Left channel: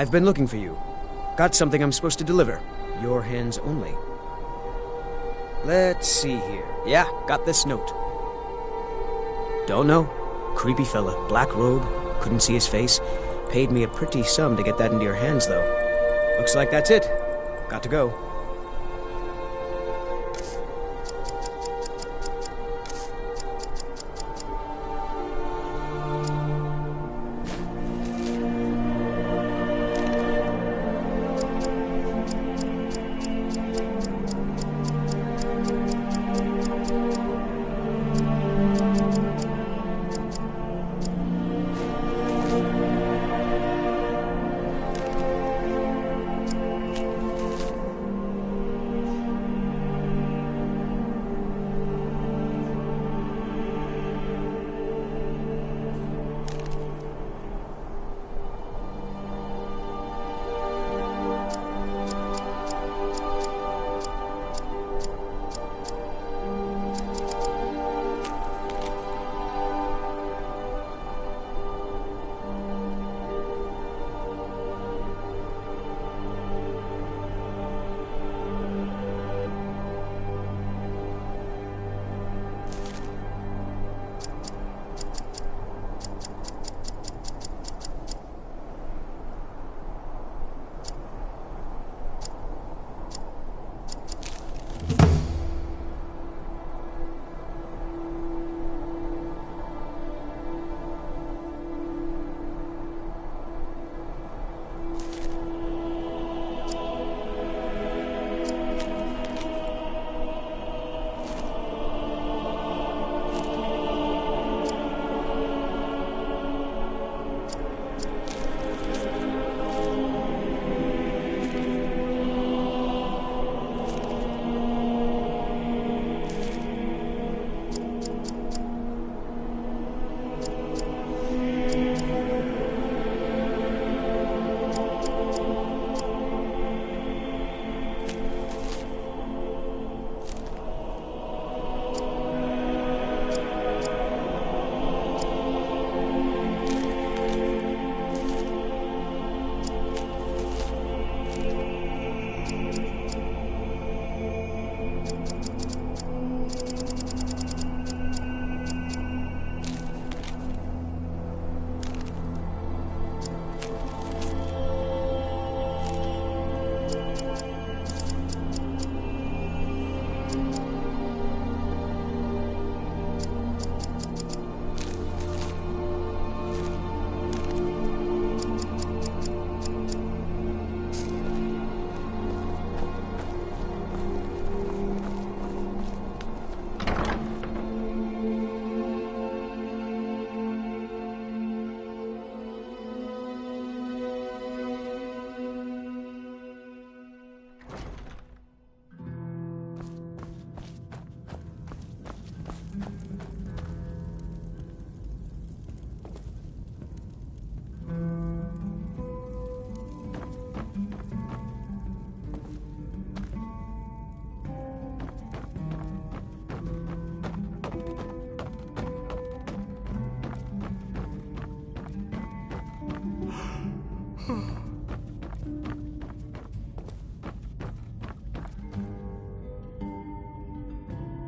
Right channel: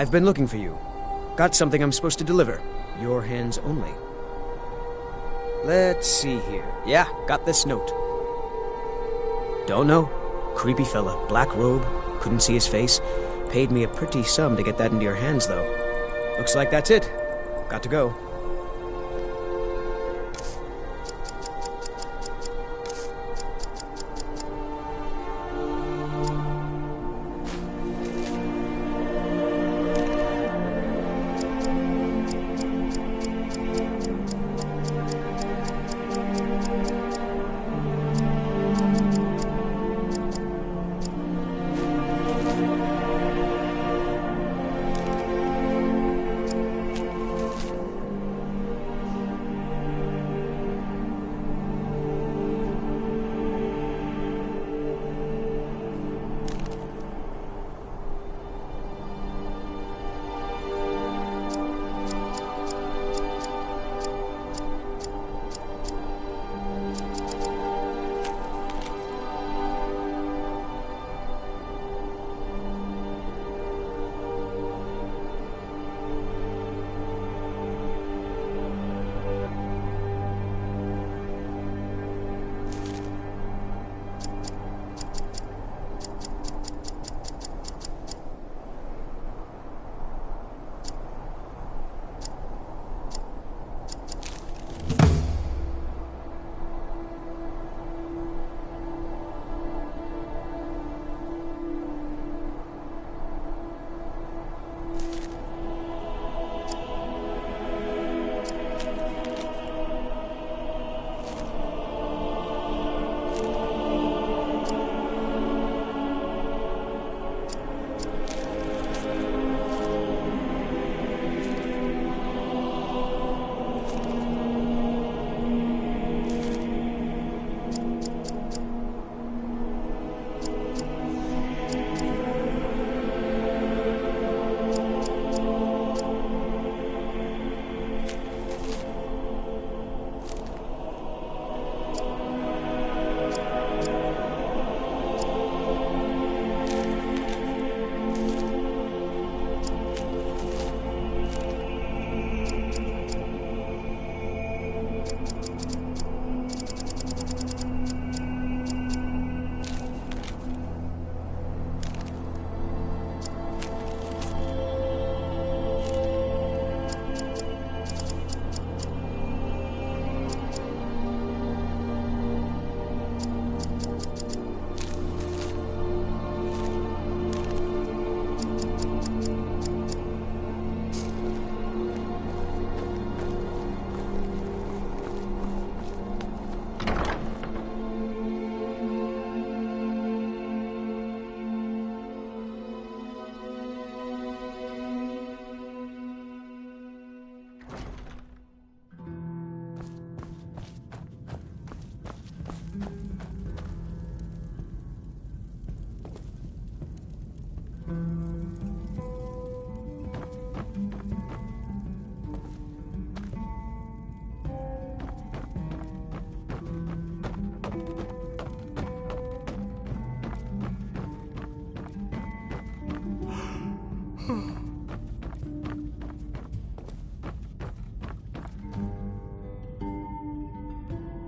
I've been looking for you. Got something I'm supposed to deliver. Your hands only. Let's see here. Yeah, got this note. Don't know. Creepy fella, black robe, couldn't see his face. Paid me a pretty sum to get that into your hands, though. Looks like that's it. Got to go.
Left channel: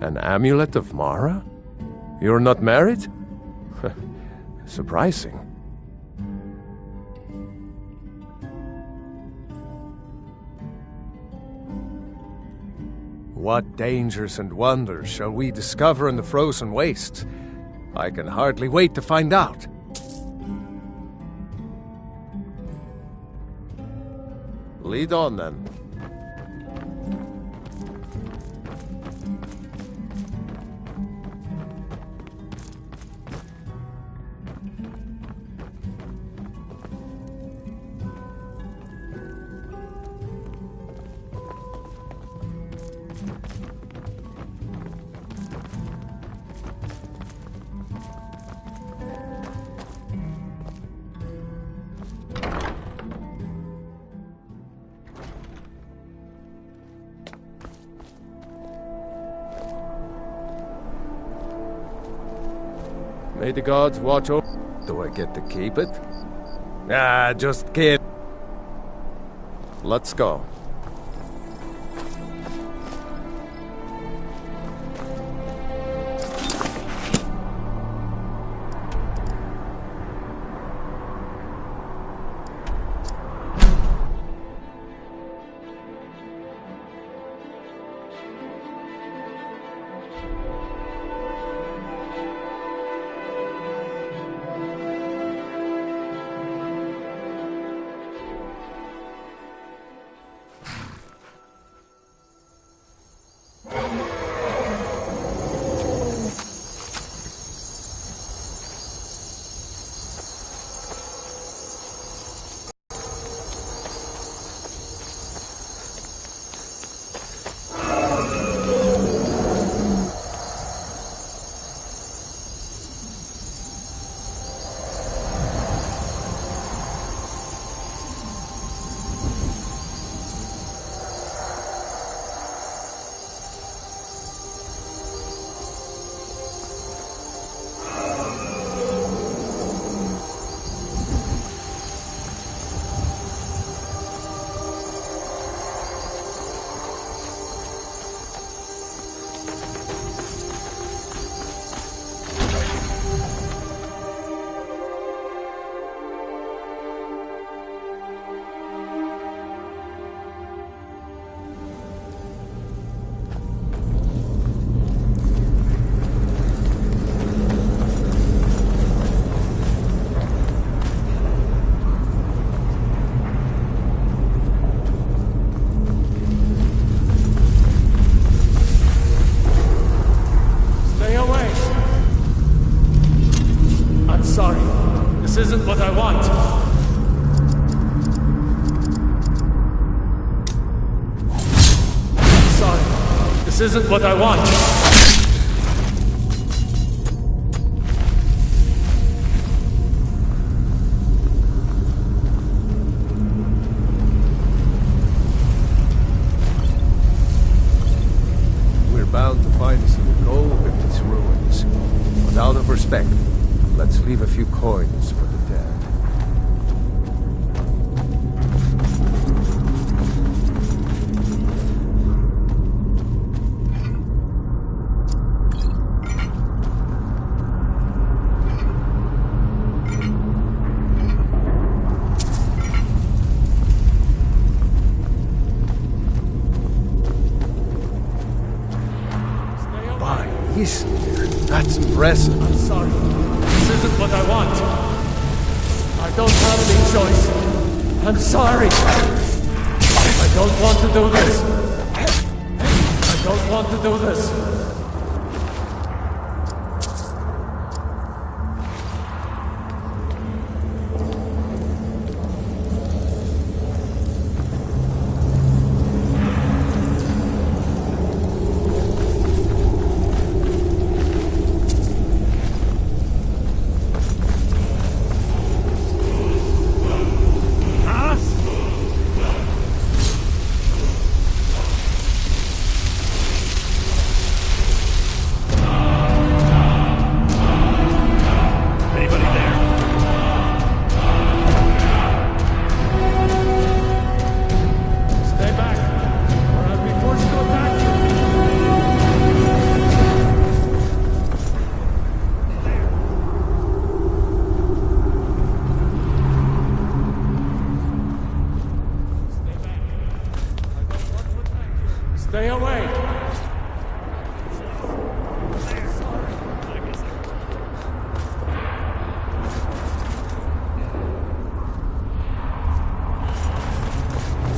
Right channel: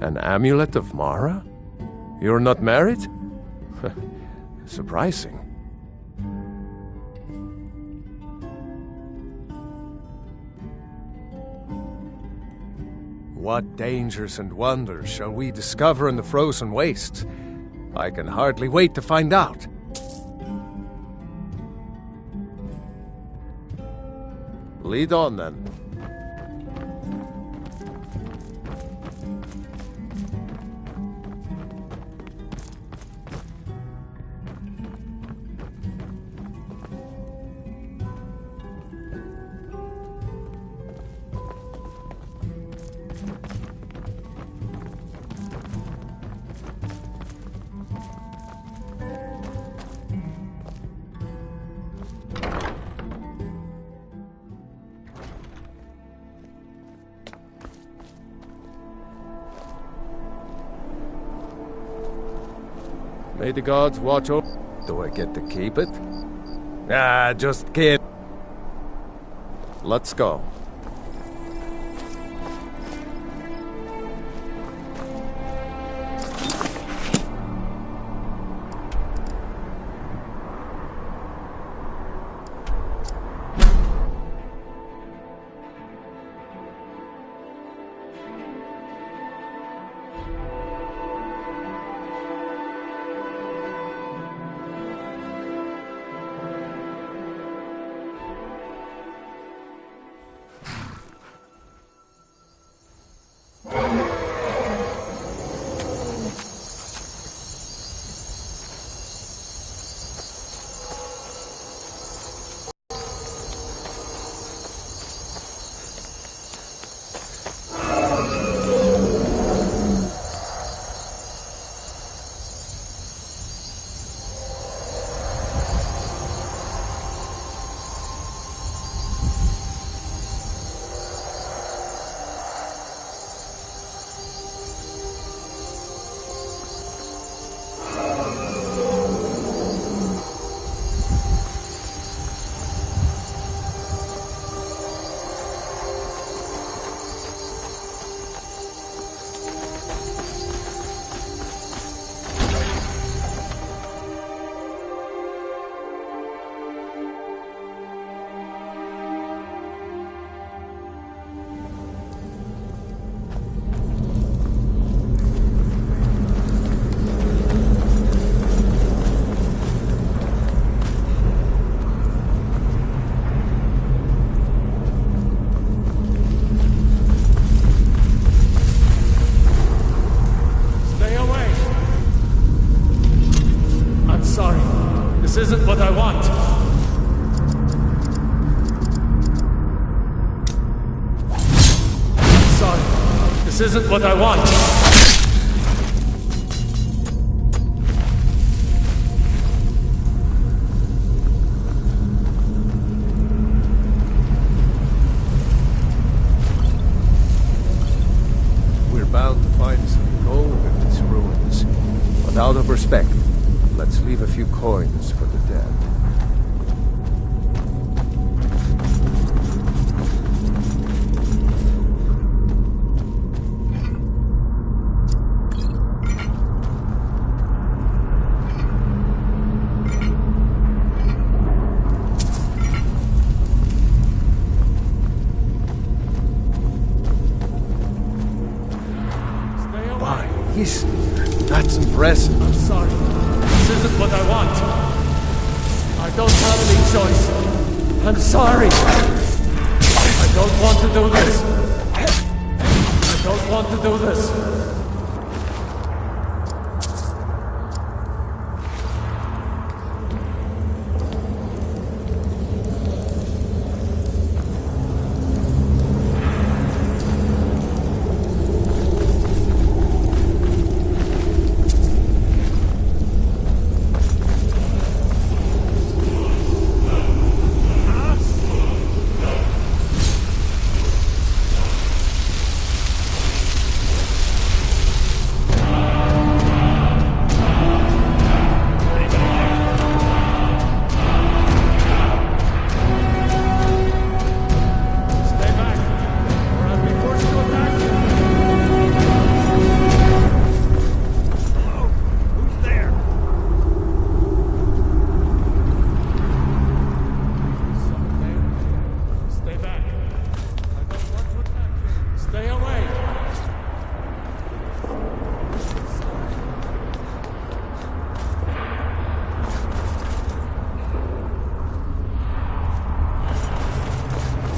An amulet of Mara? You're not married? Surprising. What dangers and wonders shall we discover in the frozen wastes? I can hardly wait to find out. Lead on, then. May the gods watch over... Do I get to keep it? Ah, just kidding. Let's go. Sorry, this isn't what I want. I'm sorry, this isn't what I want. We're bound to find some gold in these ruins, but out of respect, let's leave a few coins for the dead. By Eastmere, that's impressive. I'm sorry. This isn't what I want. I don't have any choice. I'm sorry. I don't want to do this. I don't want to do this. Stay away!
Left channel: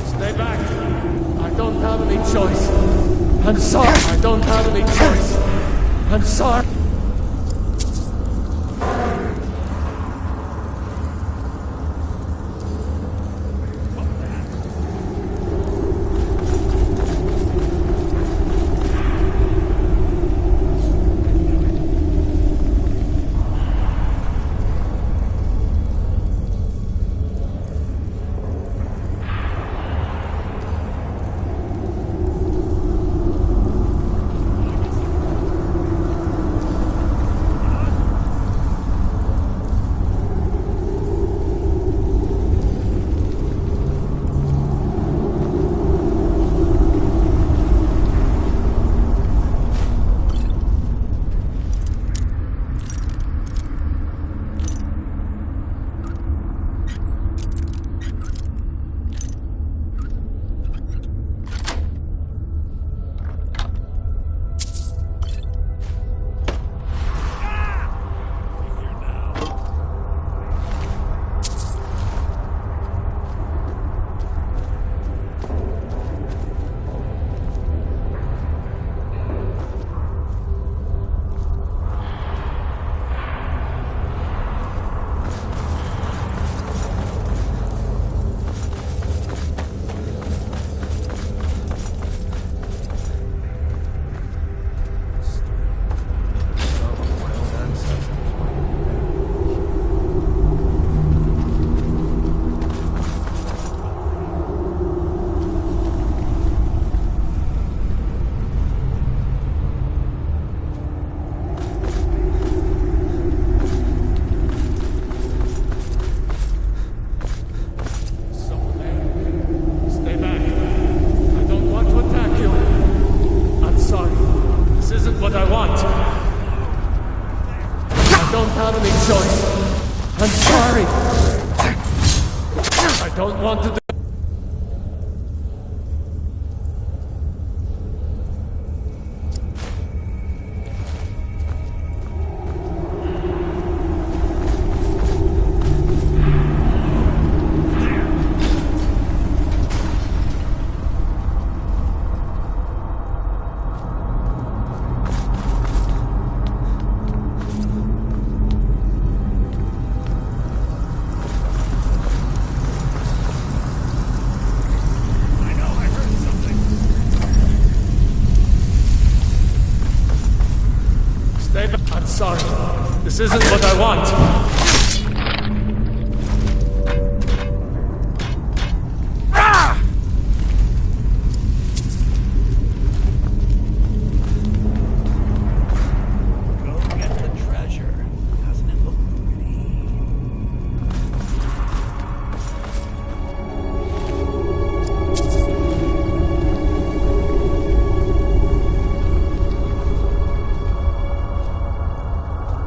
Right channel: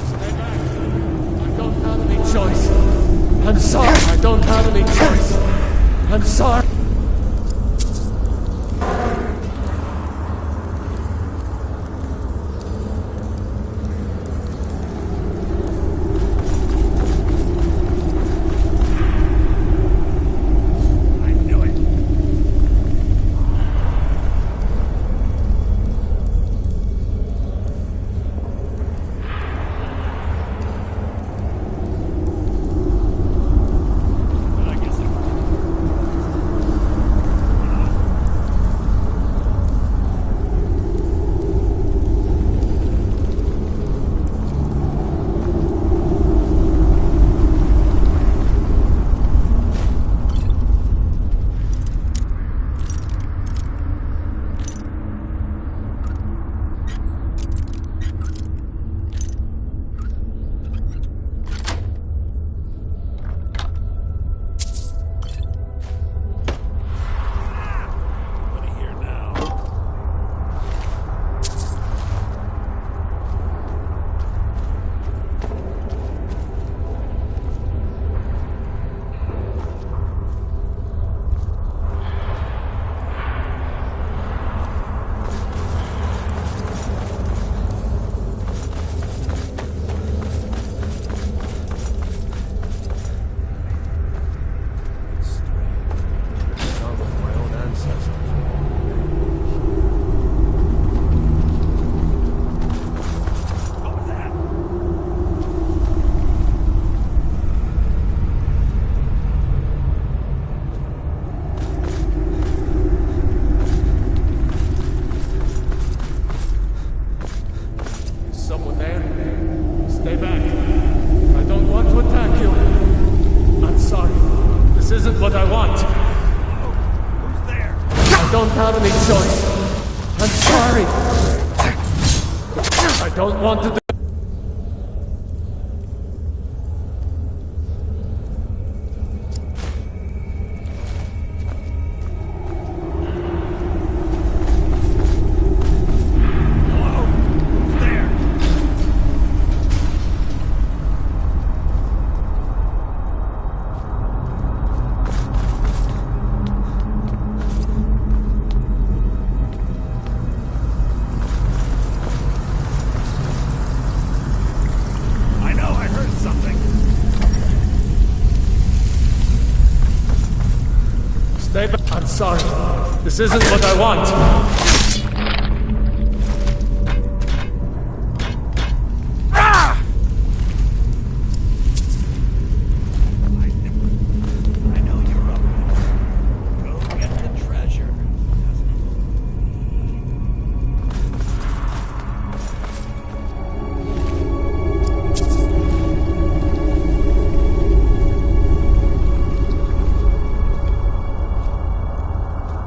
Stay back! I don't have any choice. I'm sorry. I don't have any choice. I'm sorry. isn't what I want. Who's there? I don't have any choice. I'm sorry. I don't want to do... Hello? Who's there? I know, I heard something. Stay back. I'm sorry. This isn't what I want. I know you're up there. Go get the treasure. Doesn't it look pretty?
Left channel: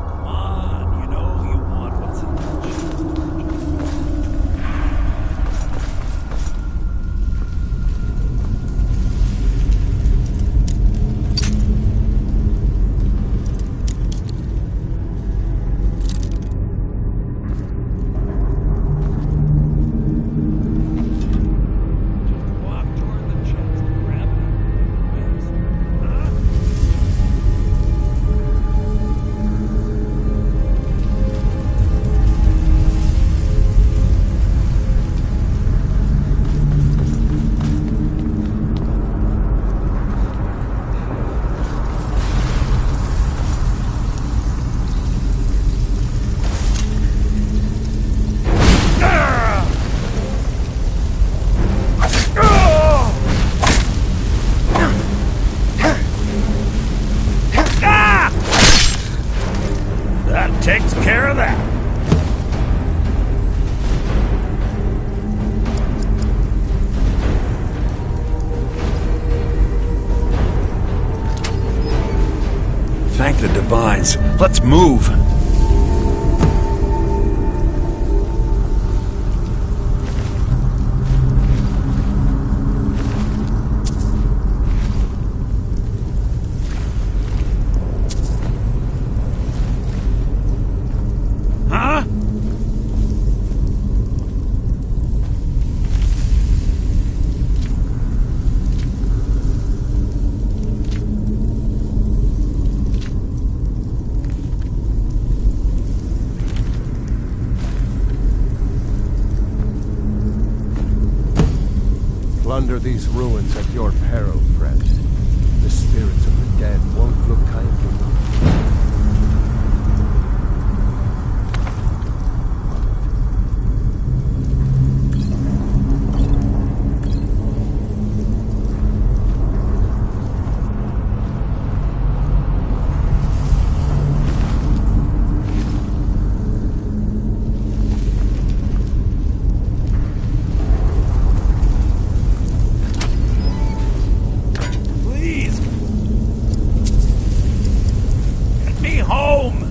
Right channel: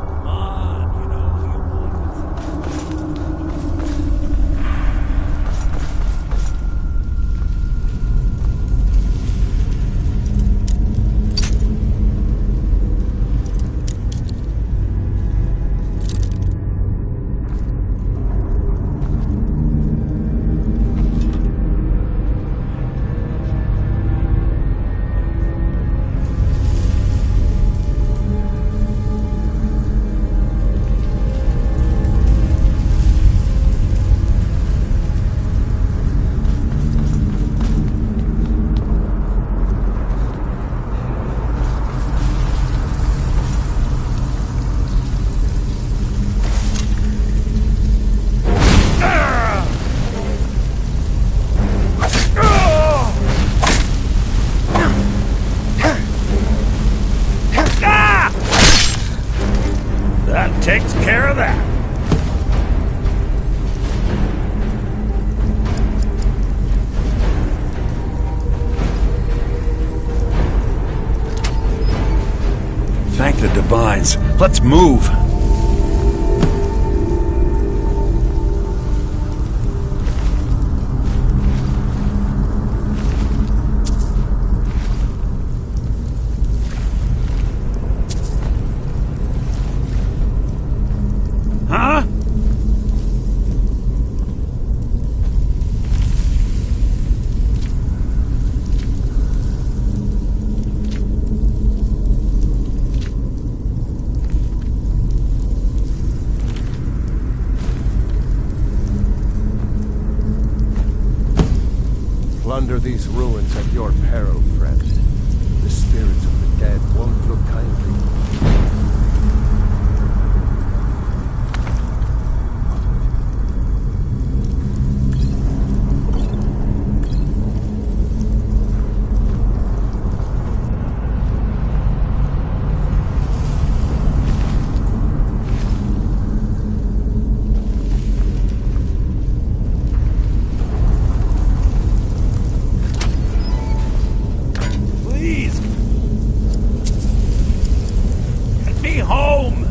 Come on, you know you want what's in the treasure. Walk toward the chest and grab it. Yes. That takes care of that. Thank the divines. Let's move. Huh? Plunder these ruins at your peril, friend. The spirits of the dead won't look kindly. Please. Get me home.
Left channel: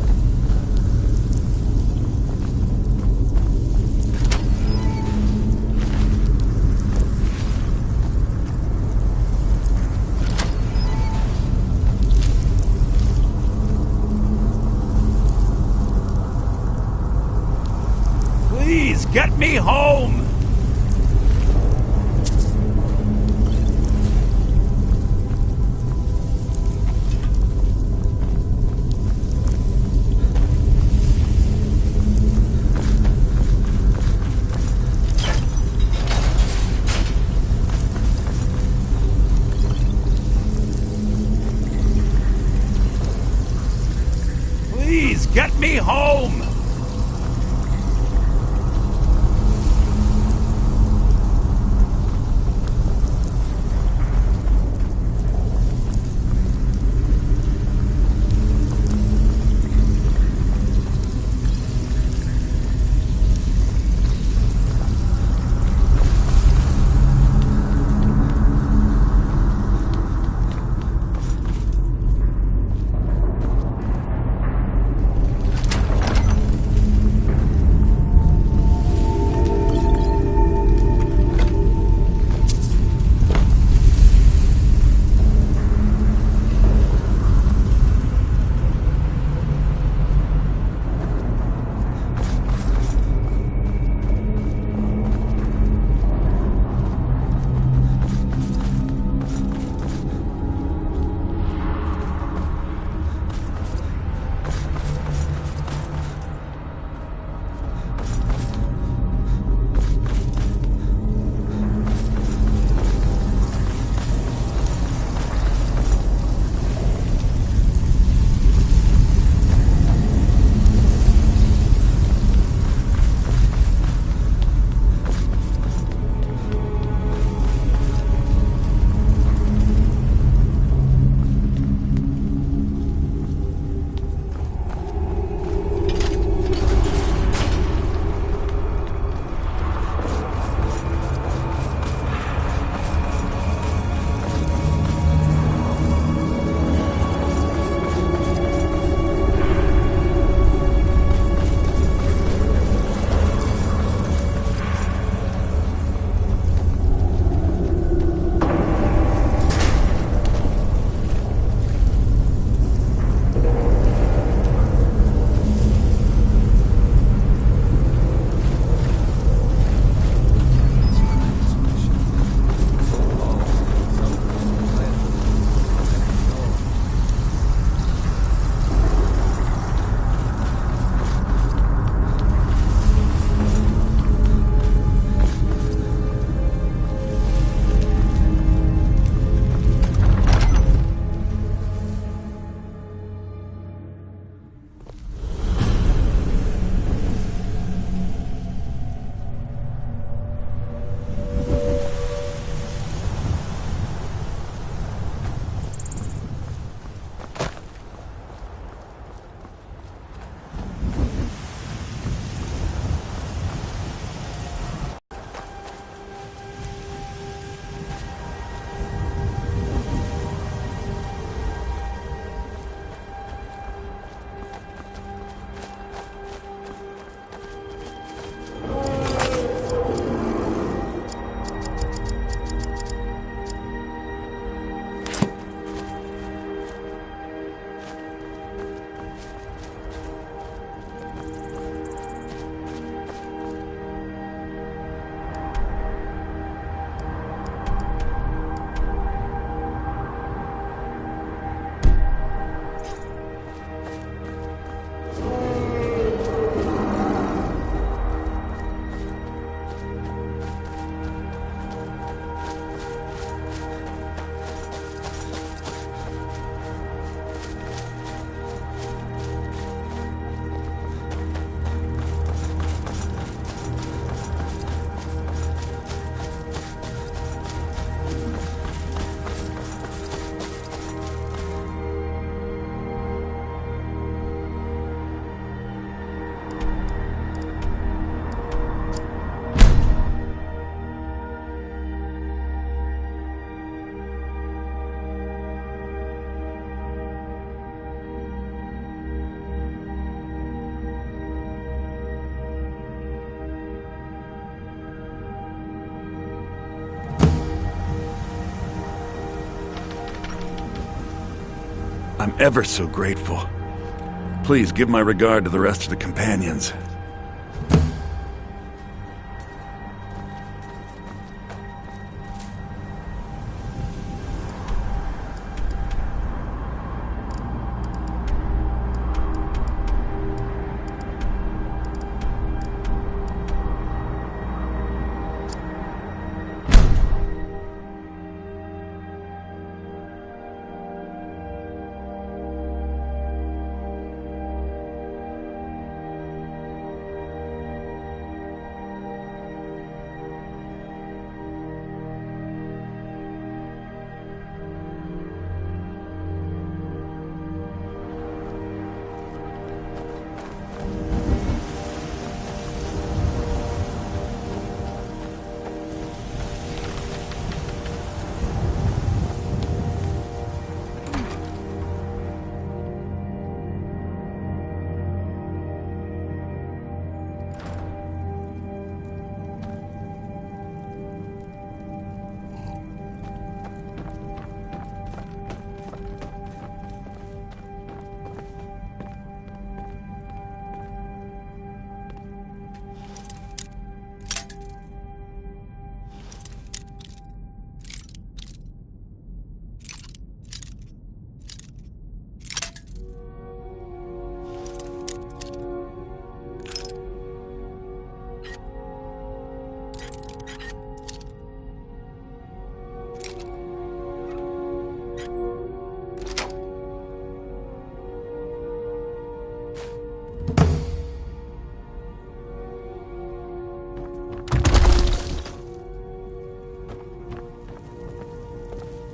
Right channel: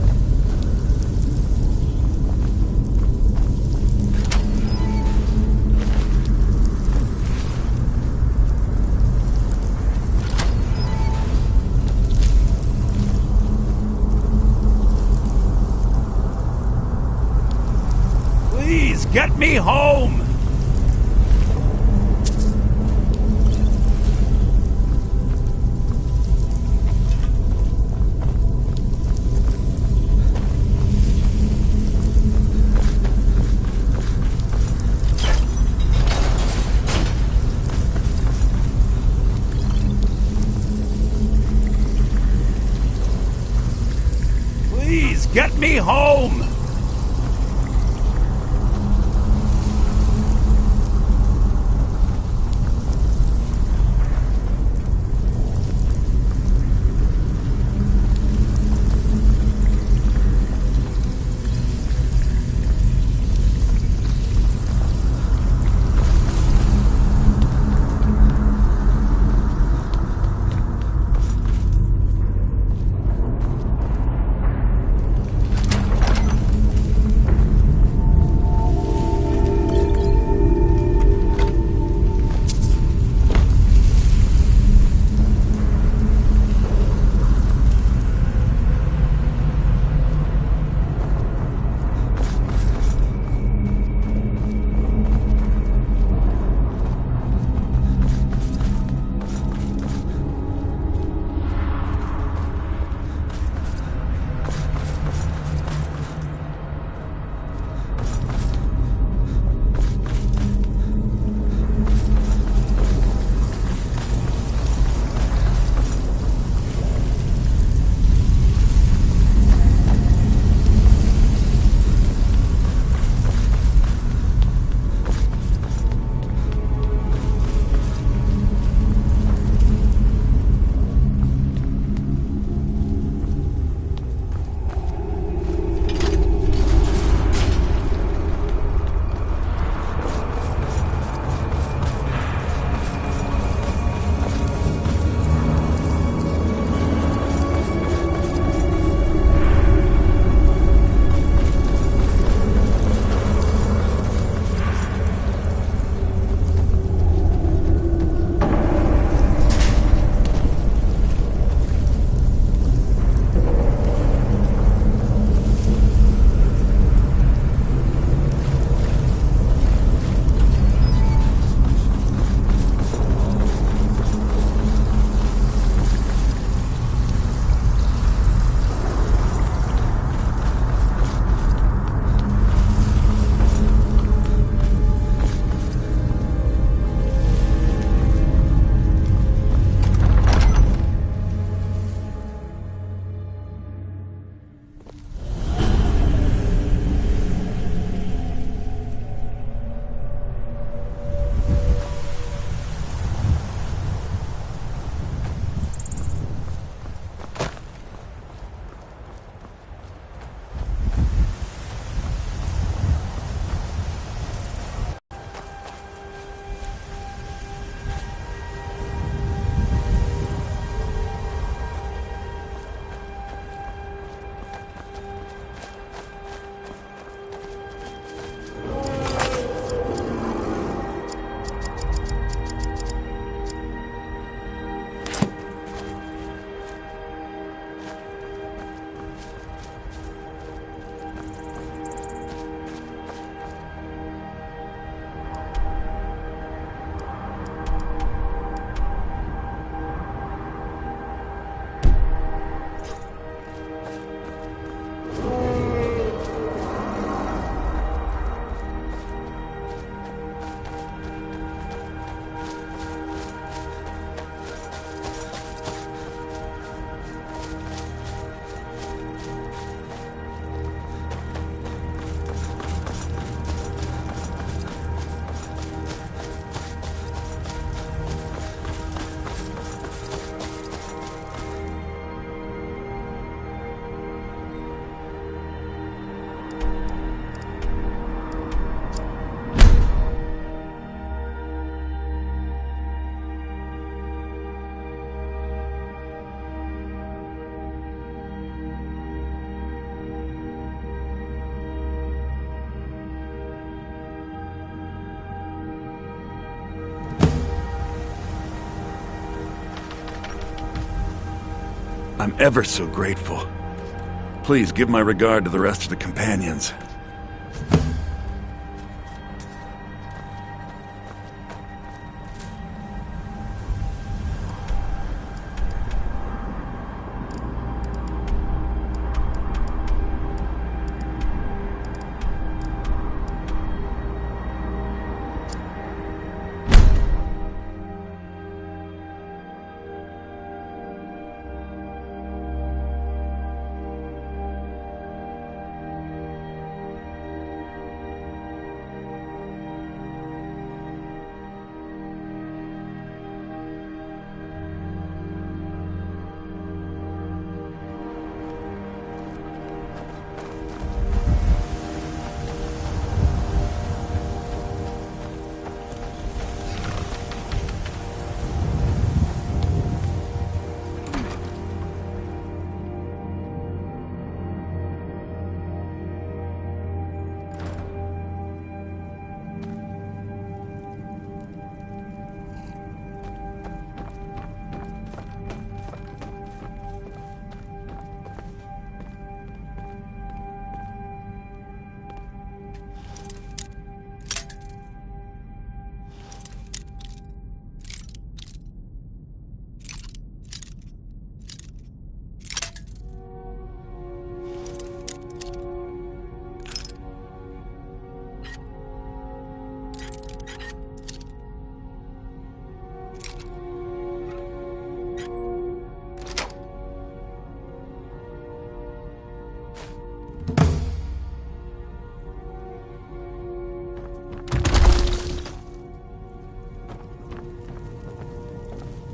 Please get me home. Please get me home! I'm ever so grateful. Please give my regard to the rest of the companions.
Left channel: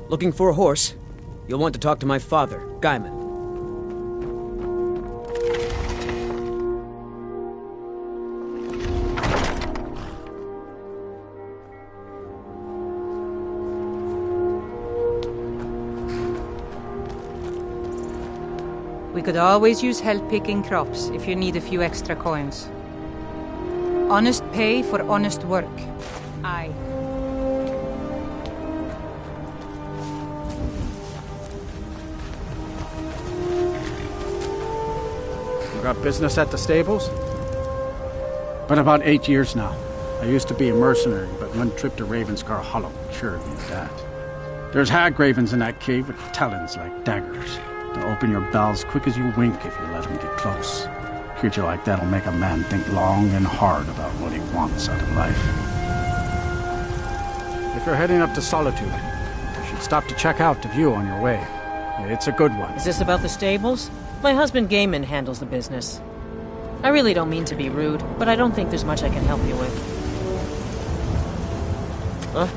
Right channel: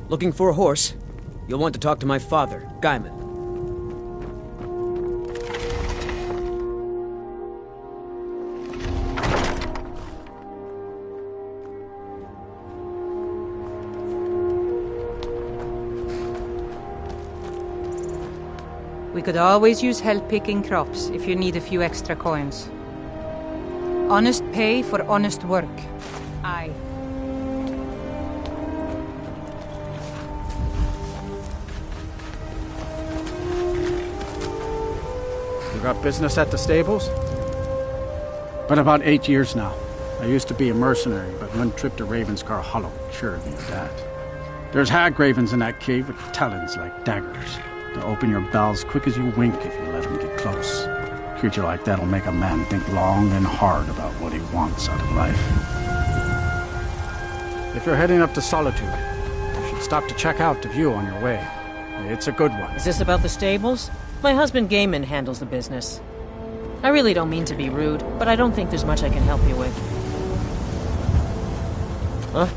Looking for a horse? You'll want to talk to my father, Gaiman. We could always use help picking crops if you need a few extra coins. Honest pay for honest work. Aye. Got business at the stables? Been about 8 years now. I used to be a mercenary, but one trip to Ravenscar Hollow cured me of that. There's hag ravens in that cave with talons like daggers. They'll open your bowels quick as you wink if you let them get close. A creature like that'll make a man think long and hard about what he wants out of life. If you're heading up to Solitude, you should stop to check out the view on your way. It's a good one. Is this about the stables? My husband Gaiman handles the business. I really don't mean to be rude, but I don't think there's much I can help you with. Huh?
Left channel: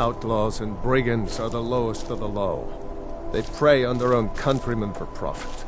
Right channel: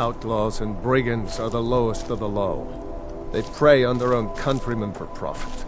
Outlaws and brigands are the lowest of the low. They prey on their own countrymen for profit.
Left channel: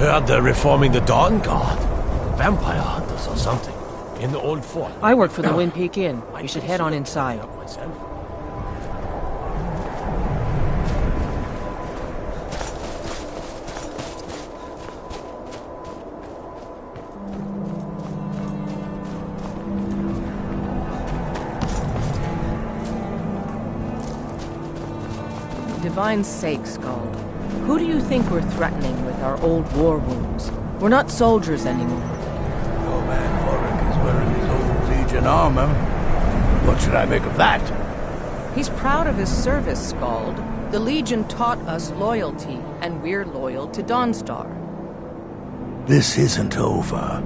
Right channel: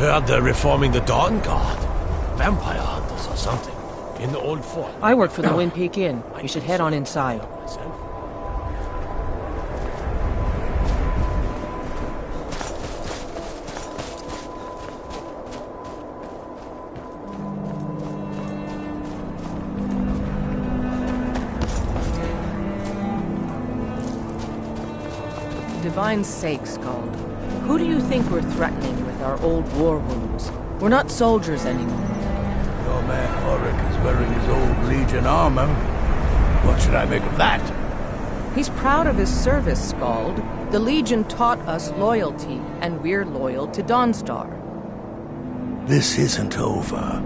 Heard they're reforming the Dawn Guard. Vampire hunters or something. In the old fort. I work for the Wind Peak Inn. You should head on inside. Myself. Divine's sake, Scald. Who do you think we're threatening with our old war wounds? We're not soldiers anymore. Your man Horik is wearing his old Legion armor. What should I make of that? He's proud of his service, Scald. The Legion taught us loyalty, and we're loyal to Dawnstar. This isn't over.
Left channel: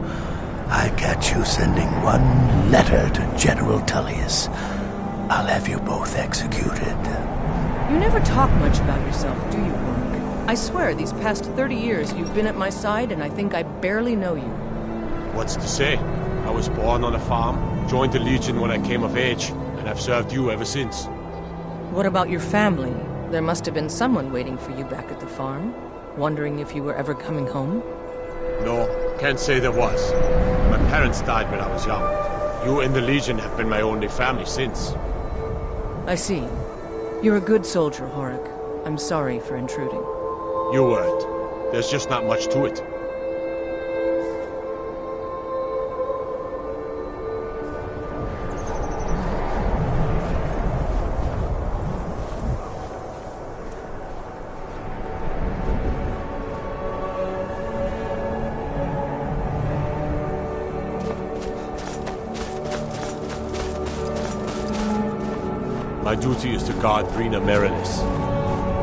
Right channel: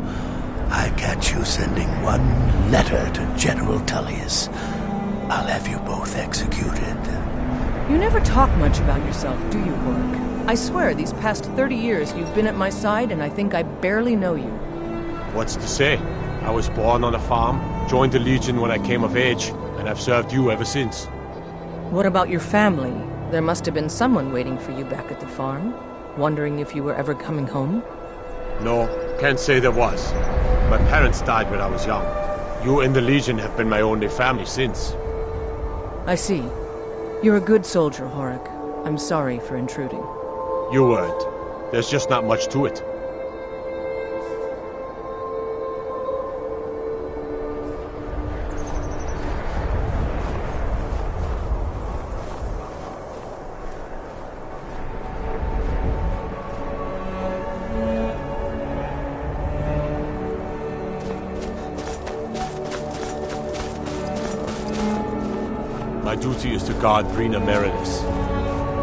I catch you sending one letter to General Tullius. I'll have you both executed. You never talk much about yourself, do you, Horik? I swear, these past 30 years you've been at my side, and I think I barely know you. What's to say? I was born on a farm, joined the Legion when I came of age, and I've served you ever since. What about your family? There must have been someone waiting for you back at the farm, wondering if you were ever coming home. No, can't say there was. My parents died when I was young. You and the Legion have been my only family since. I see. You're a good soldier, Horik. I'm sorry for intruding. You weren't. There's just not much to it. My duty is to guard Brina Merilis.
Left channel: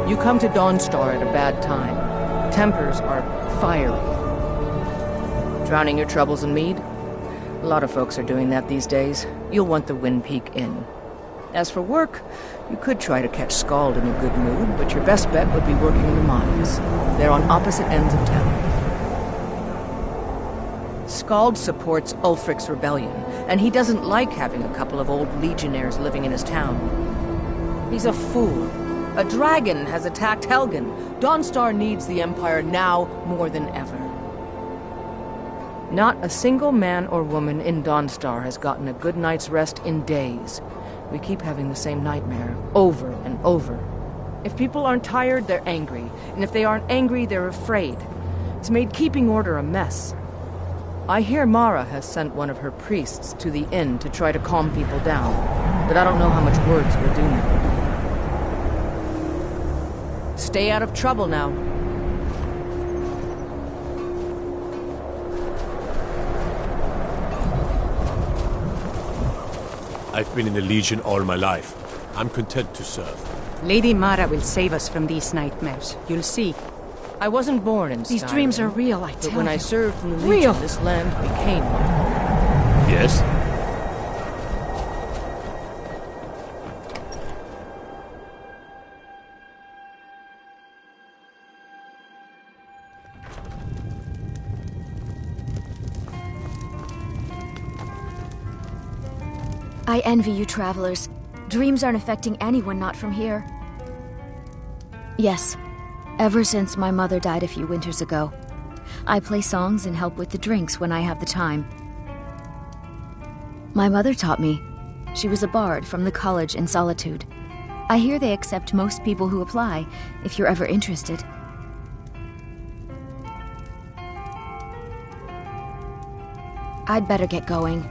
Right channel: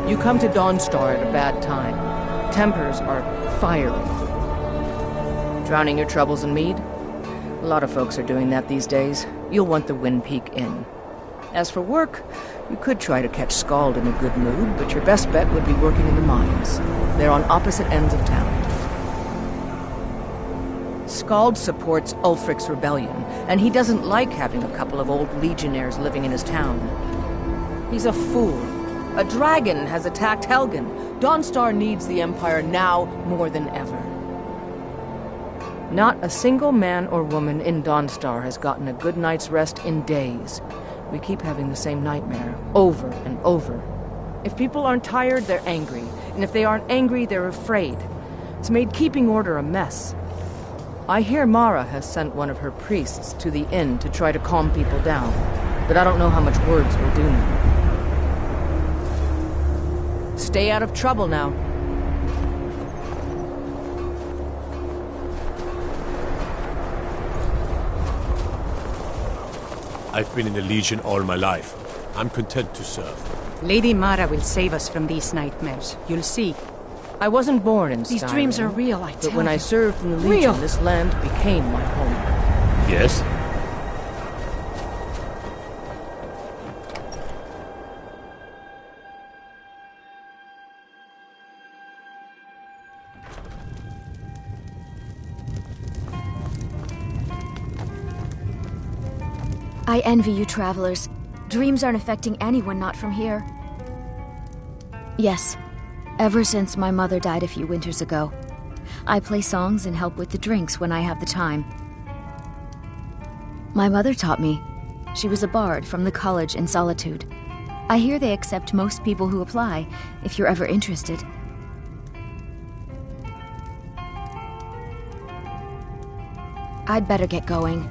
You come to Dawnstar at a bad time. Tempers are fiery. Drowning your troubles in mead? A lot of folks are doing that these days. You'll want the Wind Peak Inn. As for work, you could try to catch Scald in a good mood, but your best bet would be working in the mines. They're on opposite ends of town. Scald supports Ulfric's rebellion, and he doesn't like having a couple of old legionnaires living in his town. He's a fool. A dragon has attacked Helgen. Dawnstar needs the Empire now more than ever. Not a single man or woman in Dawnstar has gotten a good night's rest in days. We keep having the same nightmare, over and over. If people aren't tired, they're angry. And if they aren't angry, they're afraid. It's made keeping order a mess. I hear Mara has sent one of her priests to the inn to try to calm people down. But I don't know how much words will do now. Stay out of trouble now. I've been in the Legion all my life. I'm content to serve. Lady Mara will save us from these nightmares. You'll see. I wasn't born in Skyrim. These dreams are real, I tell you. But when I served in the Legion, this land became my home. Yes? I envy you travelers. Dreams aren't affecting anyone not from here. Yes, ever since my mother died a few winters ago. I play songs and help with the drinks when I have the time. My mother taught me. She was a bard from the college in Solitude. I hear they accept most people who apply, if you're ever interested. I'd better get going.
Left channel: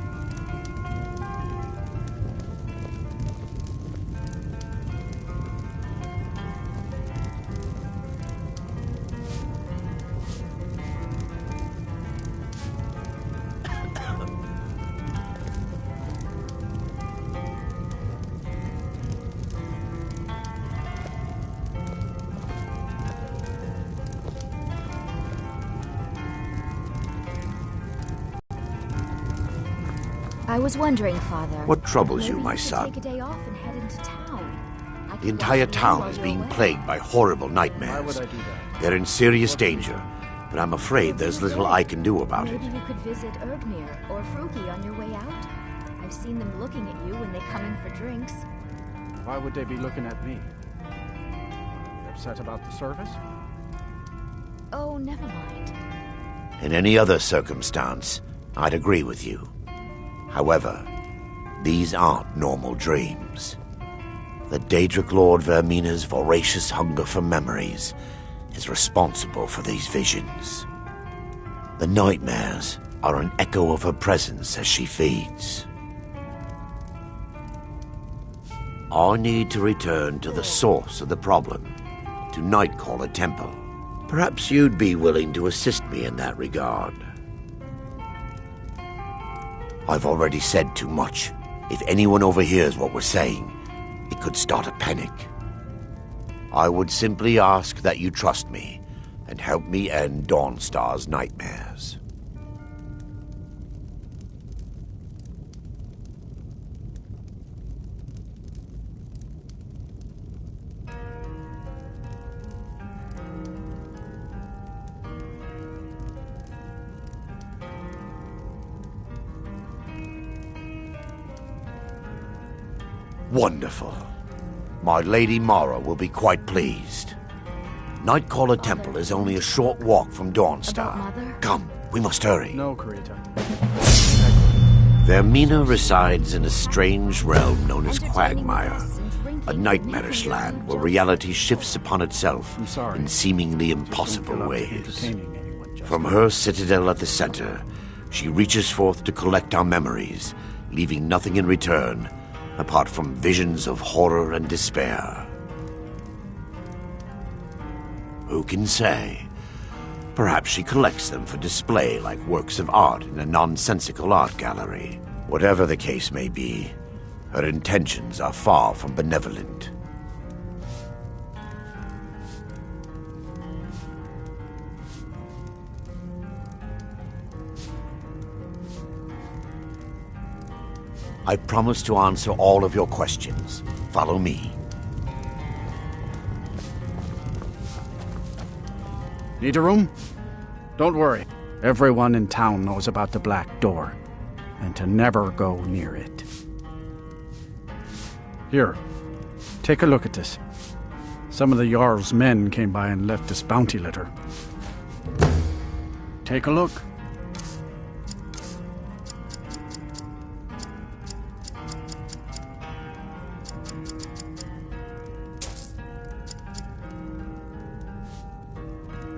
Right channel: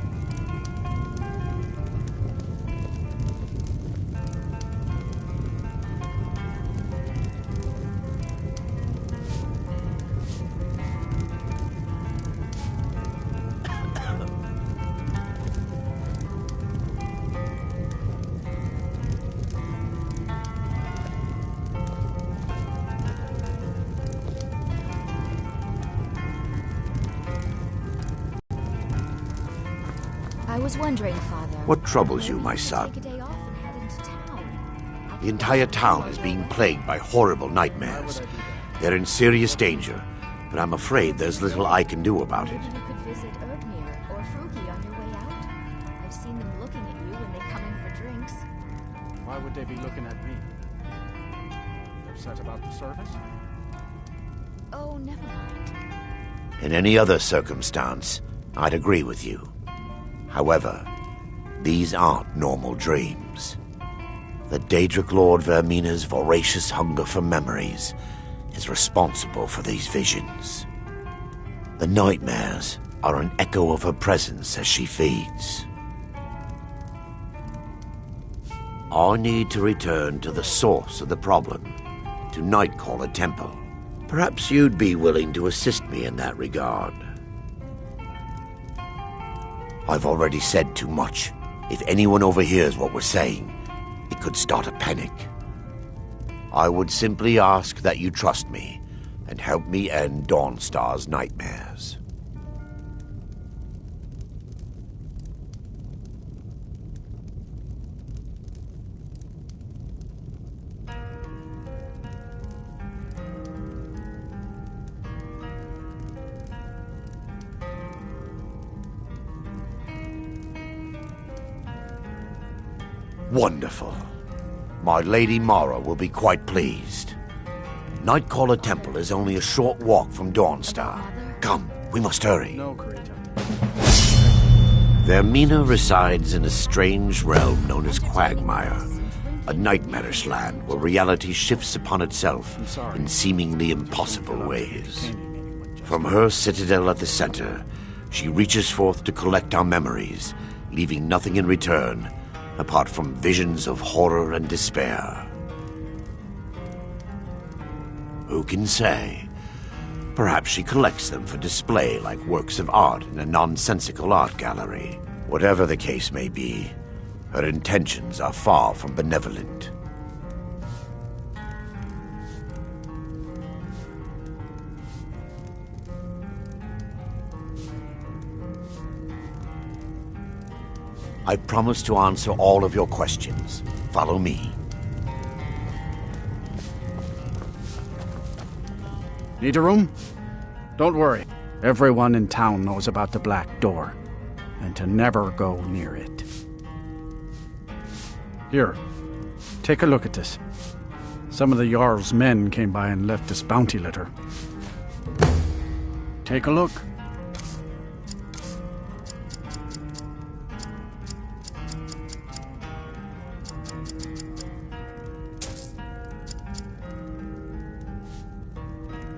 I was wondering, Father... What troubles you, my son? Take a day off and head into town. The entire town is being plagued by horrible nightmares. They're in serious danger, but I'm afraid there's little I can do about it. Maybe you could visit Ergnir or Fruki on your way out. I've seen them looking at you when they come in for drinks. Why would they be looking at me? Upset about the service? Oh, never mind. In any other circumstance, I'd agree with you. However, these aren't normal dreams. The Daedric Lord Vermina's voracious hunger for memories is responsible for these visions. The nightmares are an echo of her presence as she feeds. I need to return to the source of the problem, to Nightcaller Temple. Perhaps you'd be willing to assist me in that regard. I've already said too much. If anyone overhears what we're saying, it could start a panic. I would simply ask that you trust me and help me end Dawnstar's nightmares. Wonderful. My Lady Mara will be quite pleased. Nightcaller Temple is only a short walk from Dawnstar. Come, we must hurry. No, Karita. Vermina resides in a strange realm known as Quagmire, a nightmarish land where reality shifts upon itself in seemingly impossible ways. From her citadel at the center, she reaches forth to collect our memories, leaving nothing in return apart from visions of horror and despair. Who can say? Perhaps she collects them for display like works of art in a nonsensical art gallery. Whatever the case may be, her intentions are far from benevolent. I promise to answer all of your questions. Follow me. Need a room? Don't worry. Everyone in town knows about the Black Door, and to never go near it. Here, take a look at this. Some of the Jarl's men came by and left this bounty letter. Take a look.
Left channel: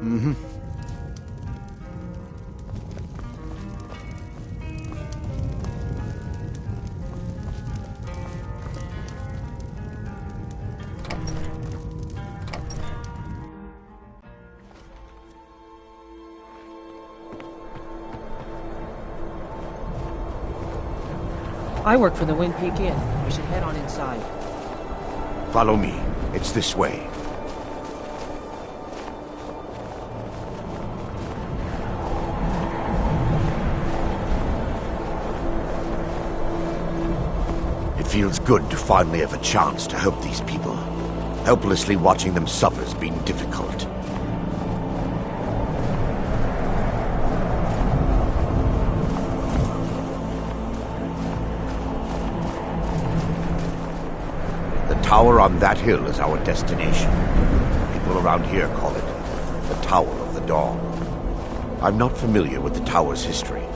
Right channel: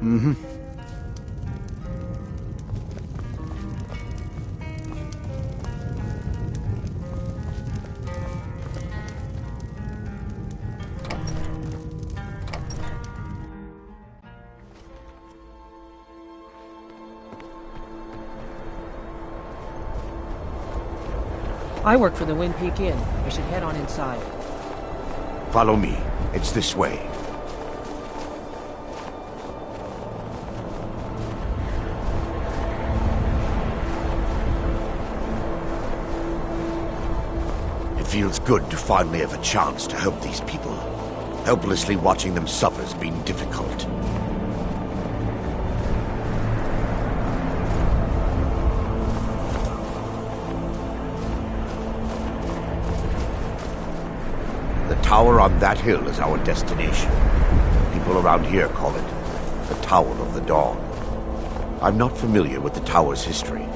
Mm-hmm. I work for the Wind Peak Inn. We should head on inside. Follow me. It's this way. It feels good to finally have a chance to help these people. Helplessly watching them suffer has been difficult. The tower on that hill is our destination. People around here call it the Tower of the Dawn. I'm not familiar with the tower's history,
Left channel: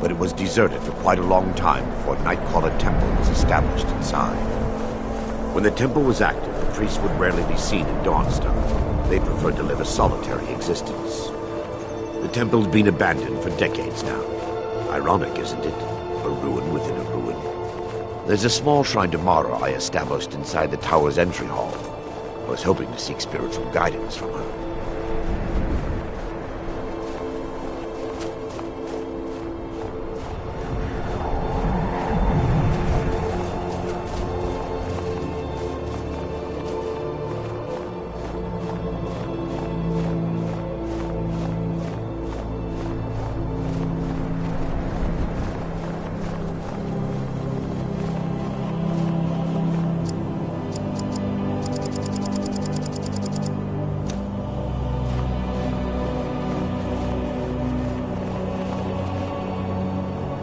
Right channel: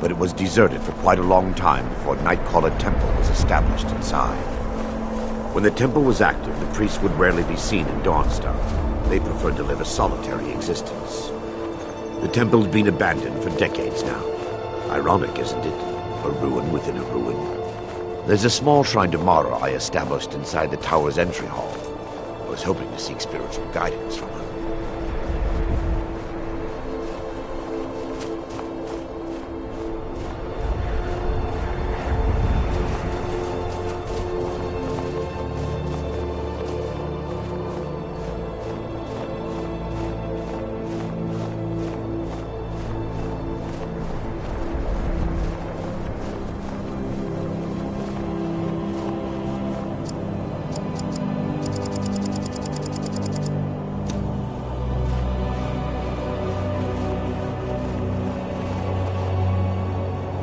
but it was deserted for quite a long time before Nightcaller Temple was established inside. When the temple was active, the priests would rarely be seen in Dawnstar. They preferred to live a solitary existence. The temple's been abandoned for decades now. Ironic, isn't it? A ruin within a ruin. There's a small shrine to Mara I established inside the tower's entry hall. I was hoping to seek spiritual guidance from her.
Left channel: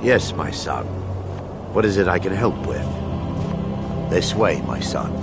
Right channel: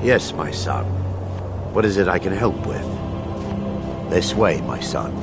Yes, my son. What is it I can help with? This way, my son.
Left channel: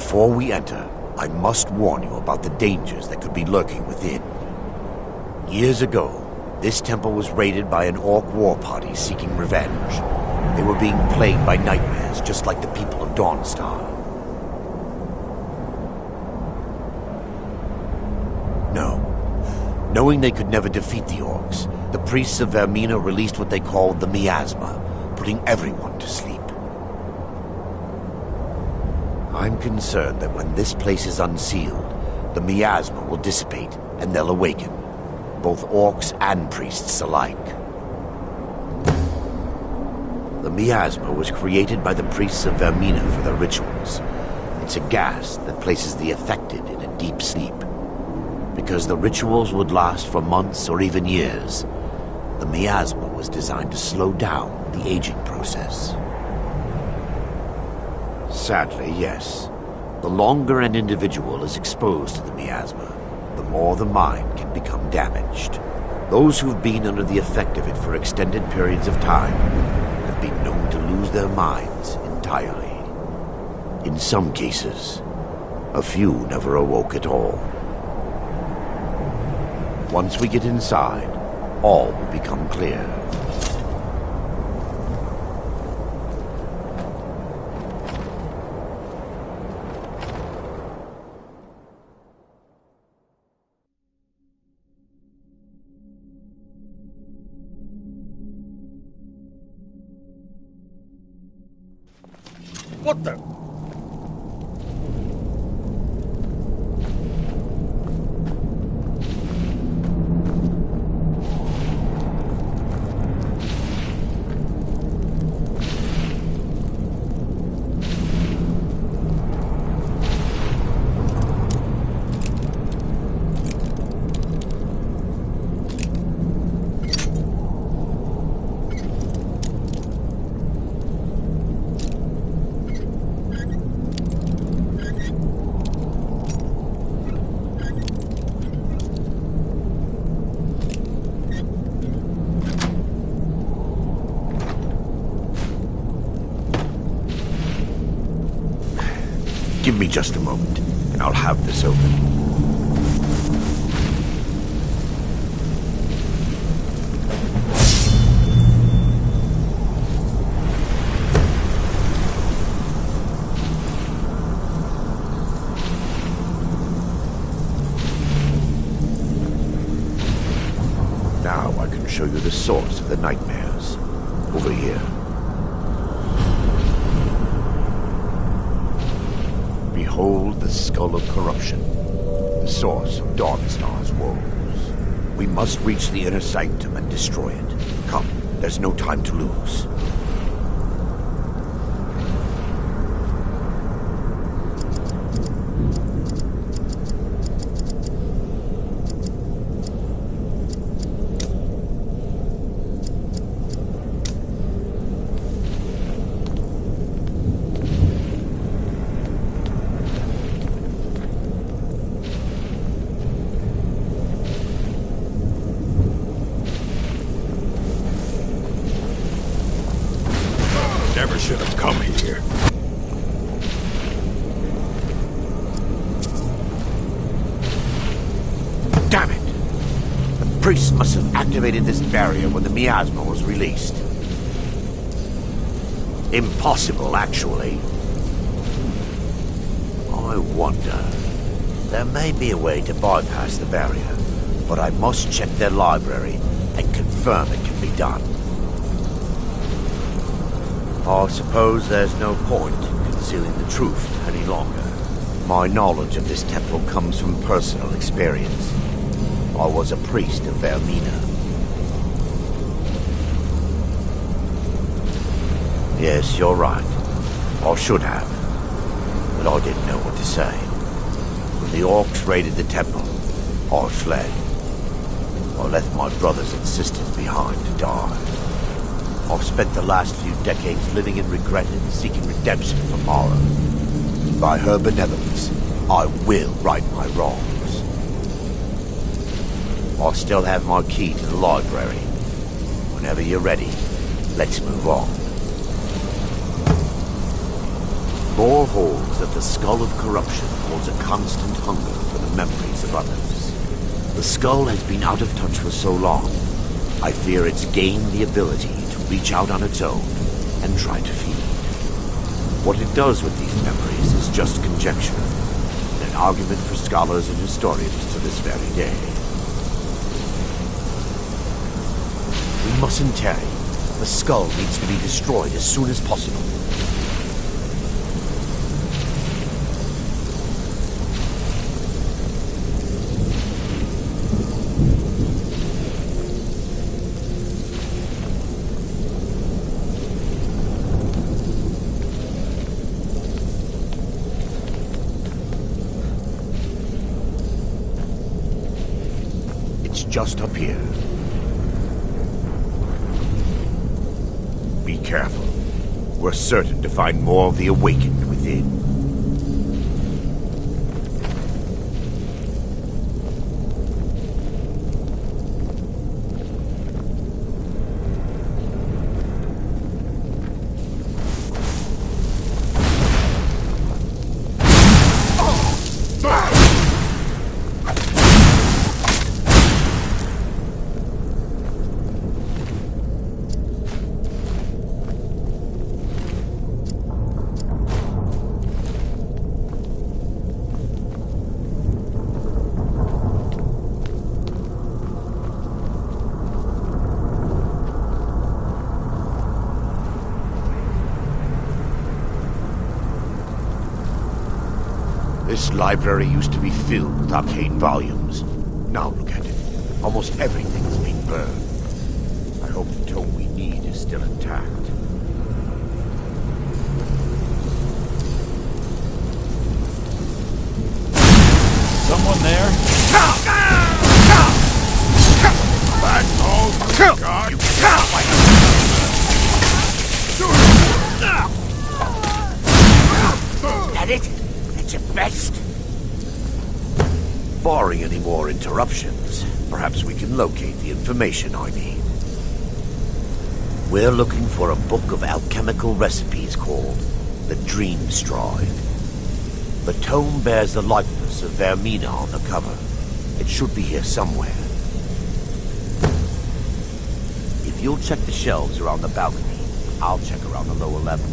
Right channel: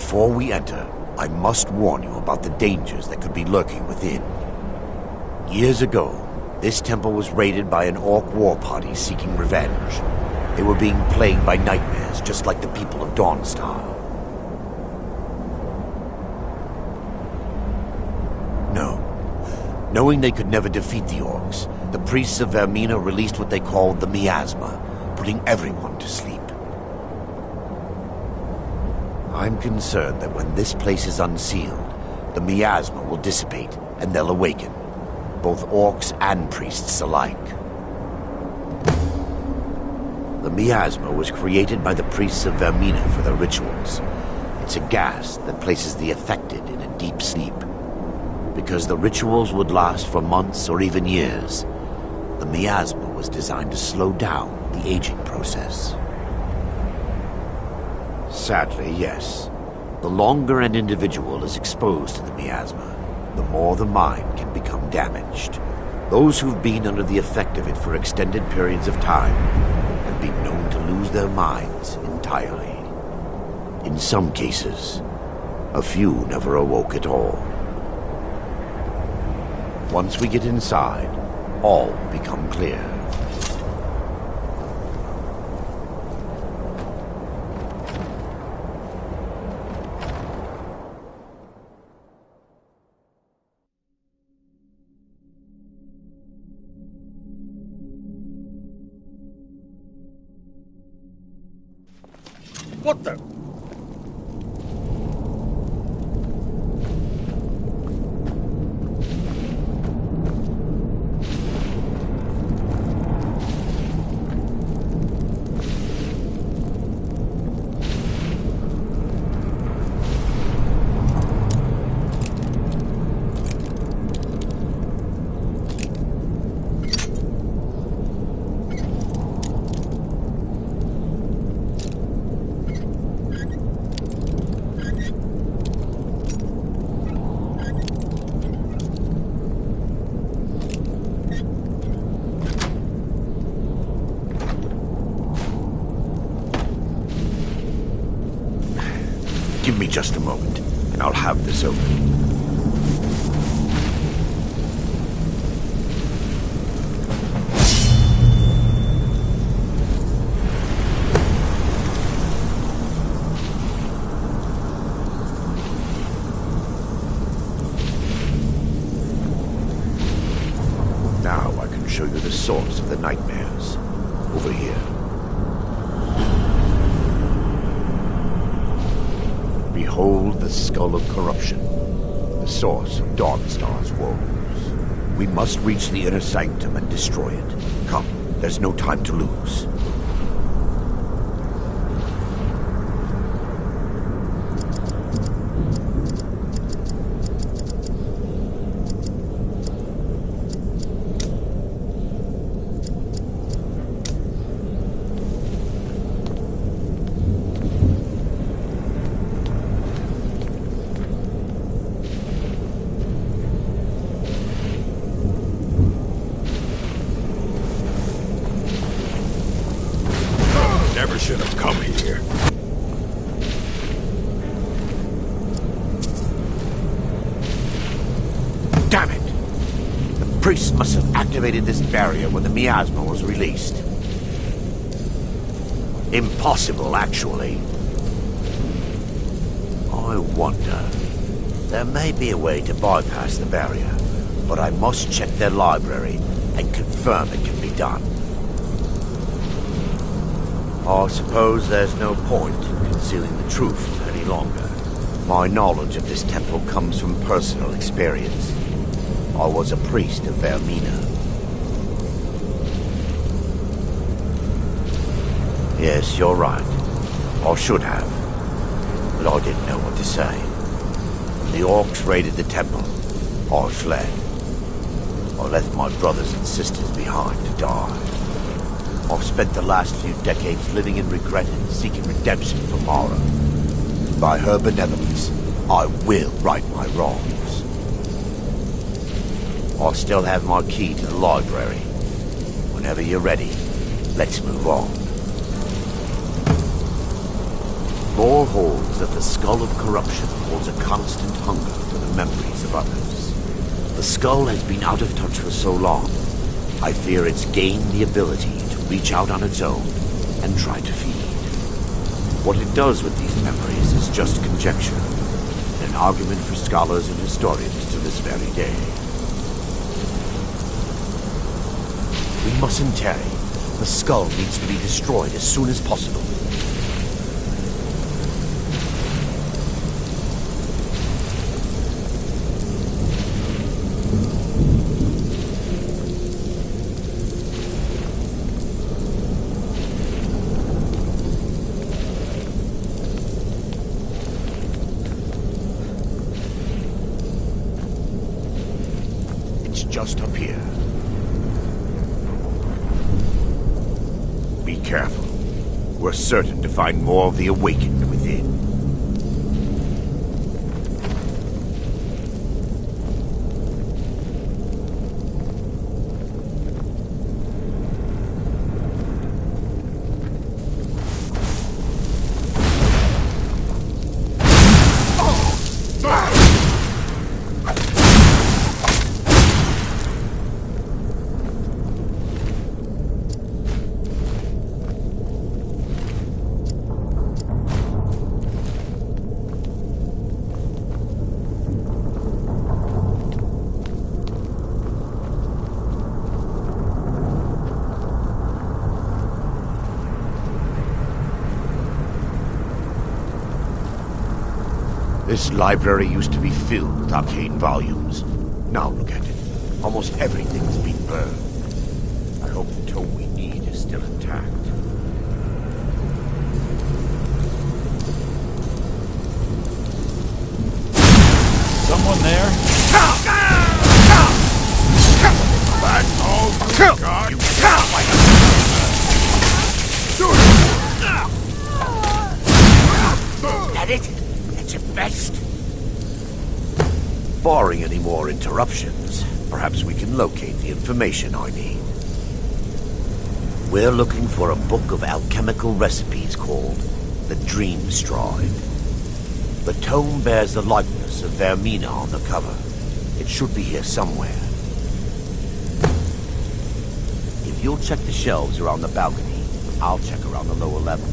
Before we enter, I must warn you about the dangers that could be lurking within. Years ago, this temple was raided by an orc war party seeking revenge. They were being plagued by nightmares, just like the people of Dawnstar. No. Knowing they could never defeat the orcs, the priests of Vermina released what they called the miasma, putting everyone to sleep. I'm concerned that when this place is unsealed, the miasma will dissipate and they'll awaken, both orcs and priests alike. The miasma was created by the priests of Vermina for their rituals. It's a gas that places the affected in a deep sleep. Because the rituals would last for months or even years, the miasma was designed to slow down the aging process. Sadly, yes. The longer an individual is exposed to the miasma, the more the mind can become damaged. Those who've been under the effect of it for extended periods of time have been known to lose their minds entirely. In some cases, a few never awoke at all. Once we get inside, all will become clear. What the? Give me just a moment, and I'll have this open. Now I can show you the source of the nightmares. Over here. Behold the Skull of Corruption, the source of Dawnstar's woes. We must reach the inner sanctum and destroy it. Come, there's no time to lose. Never should have come here. Damn it! The priests must have activated this barrier when the miasma was released. Impossible, actually. I wonder. There may be a way to bypass the barrier, but I must check their library and confirm it can be done. I suppose there's no point in concealing the truth any longer. My knowledge of this temple comes from personal experience. I was a priest of Vermina. Yes, you're right. I should have. But I didn't know what to say. When the orcs raided the temple, I fled. I left my brothers and sisters behind to die. I've spent the last few decades living in regret and seeking redemption from Mara. And by her benevolence, I will right my wrongs. I still have my key to the library. Whenever you're ready, let's move on. Lore holds that the Skull of Corruption holds a constant hunger for the memories of others. The skull has been out of touch for so long, I fear it's gained the ability to reach out on its own and try to feed. What it does with these memories is just conjecture, and an argument for scholars and historians to this very day. We mustn't tarry. The skull needs to be destroyed as soon as possible. It's just up here. Be careful. We're certain to find more of the awakened within. This library used to be filled with arcane volumes. Now look at it. Almost everything's been burned. I hope the tome we need is still intact. Someone there? That's all you got? That it? That's your best? Barring any more interruptions, perhaps we can locate the information I need. We're looking for a book of alchemical recipes called the Dream Stride. The tome bears the likeness of Vermina on the cover. It should be here somewhere. If you'll check the shelves around the balcony, I'll check around the lower level.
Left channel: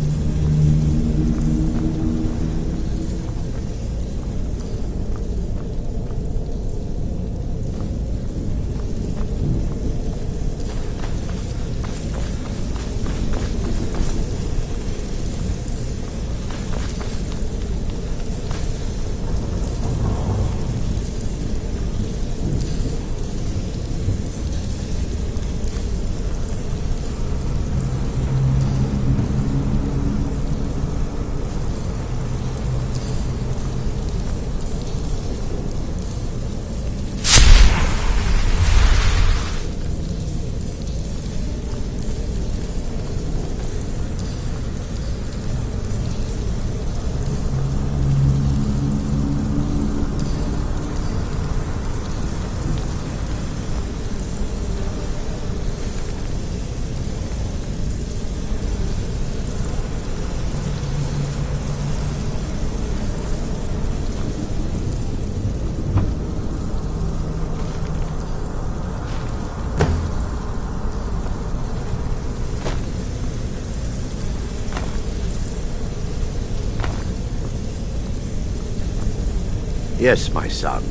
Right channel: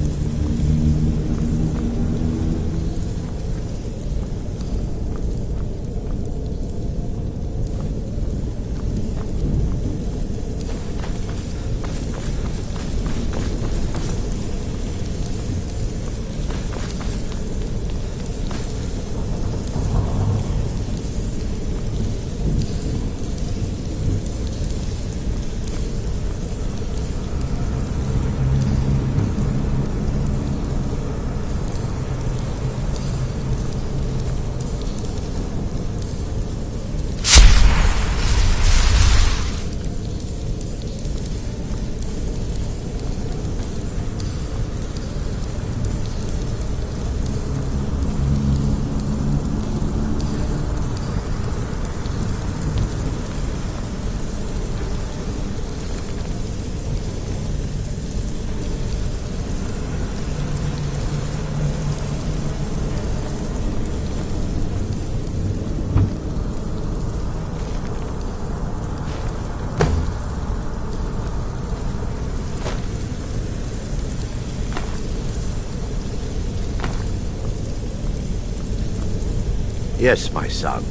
Yes, my son.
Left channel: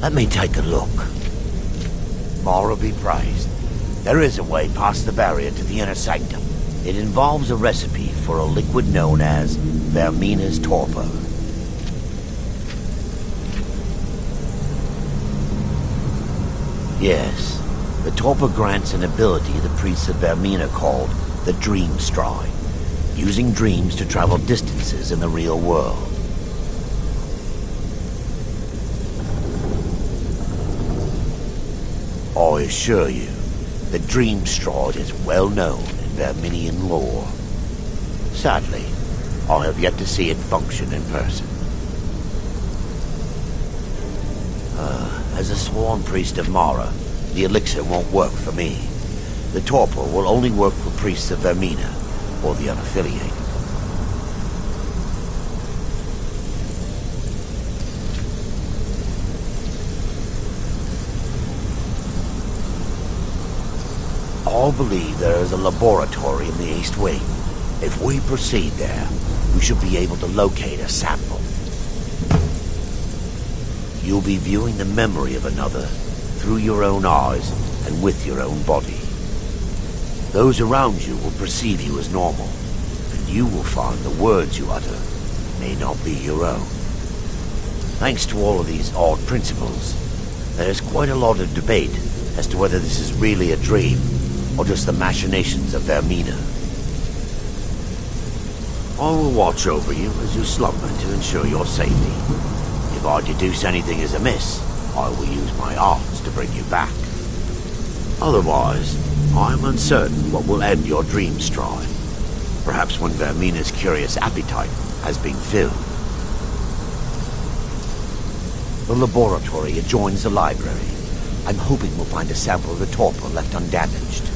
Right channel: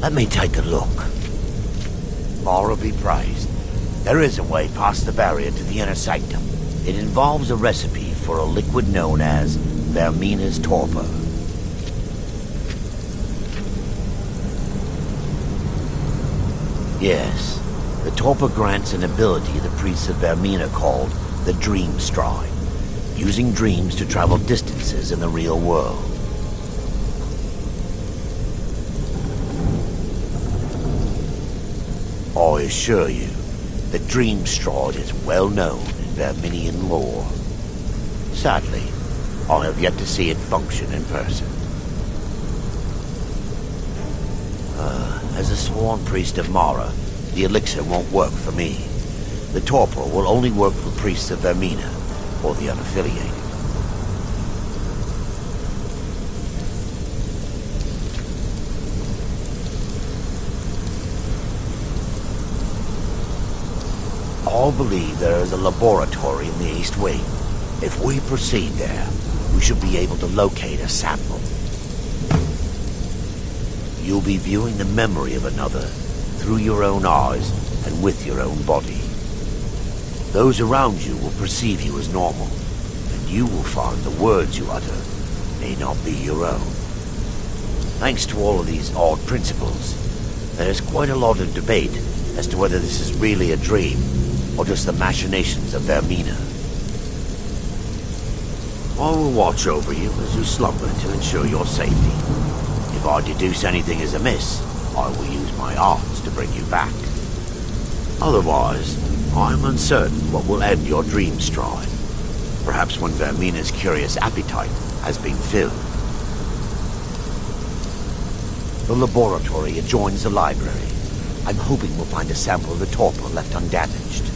Let me take a look. More be praised. There is a way past the barrier to the inner sanctum. It involves a recipe for a liquid known as Vermina's torpor. Yes, the torpor grants an ability the priests of Vermina called the Dream Stride, using dreams to travel distances in the real world. I assure you, the Dream Stride is well known in Verminian lore. Sadly, I have yet to see it function in person. As a sworn priest of Mara, the elixir won't work for me. The torpor will only work for priests of Vermina, or the unaffiliated. all believe there is a laboratory in the East Wing. If we proceed there, we should be able to locate a sample. You'll be viewing the memory of another through your own eyes and with your own body. Those around you will perceive you as normal, and you will find the words you utter may not be your own. Thanks to all of these odd principles, there is quite a lot of debate as to whether this is really a dream or just the machinations of Vermina. I will watch over you as you slumber to ensure your safety. If I deduce anything is amiss, I will use my arts to bring you back. Otherwise, I am uncertain what will end your dream strive. Perhaps when Vermina's curious appetite has been filled. The laboratory adjoins the library. I'm hoping we'll find a sample of the torpor left undamaged.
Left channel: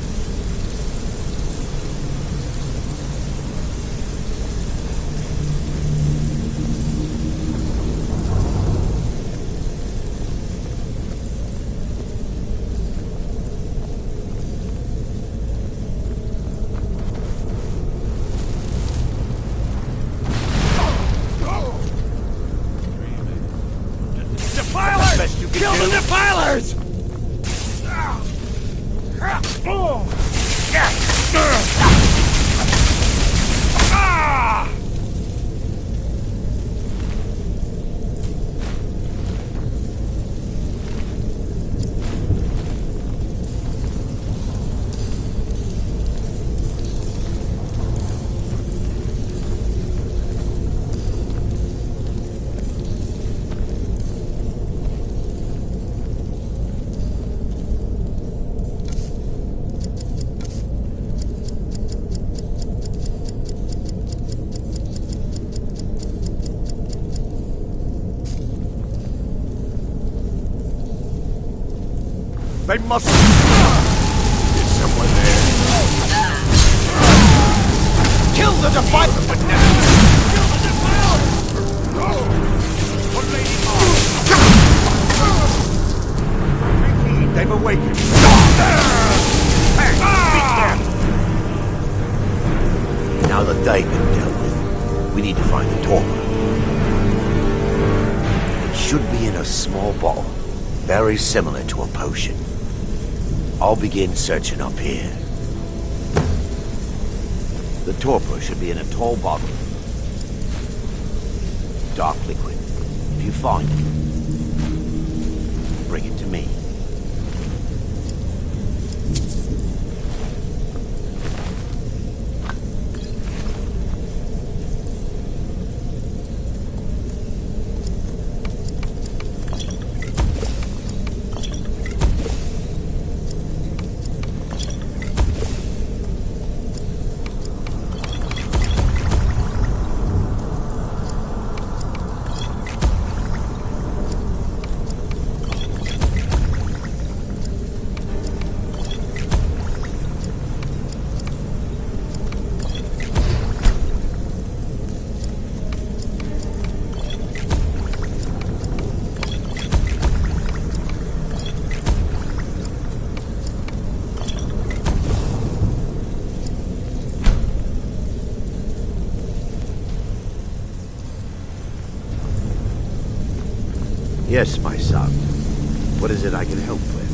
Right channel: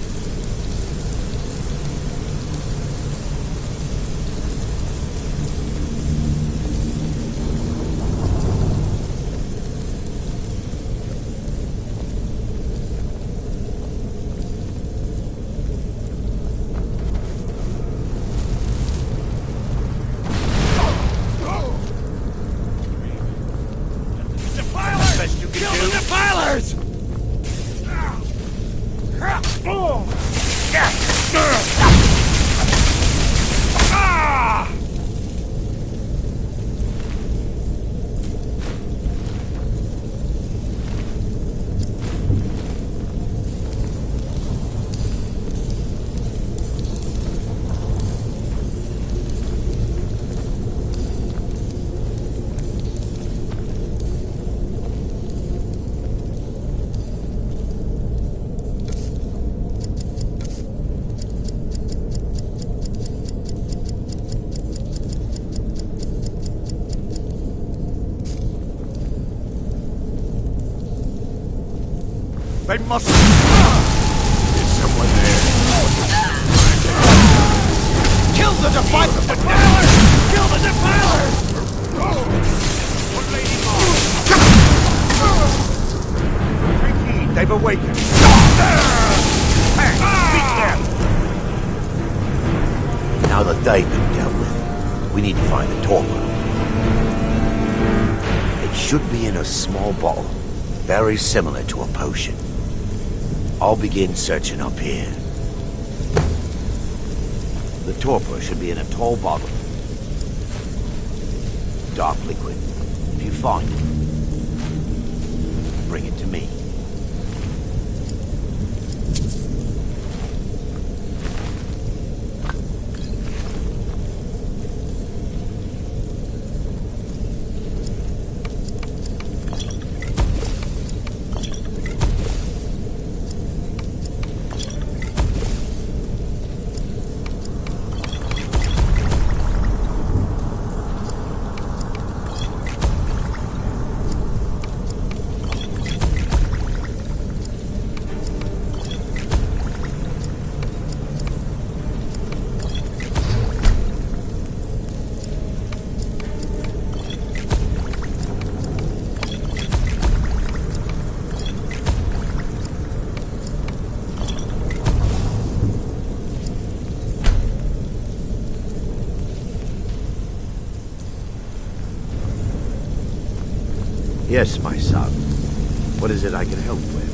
Kill the defilers! They must... Is someone there? Kill the defilers! Kill the defilers! One lady on. Take heed, they've awakened. Hey, beat them! Now that they've been dealt with, we need to find the torpor. It should be in a small bottle, very similar to a potion. I'll begin searching up here. The torpor should be in a tall bottle. Dark liquid. If you find it, bring it to me. Yes, my son. What is it I can help with?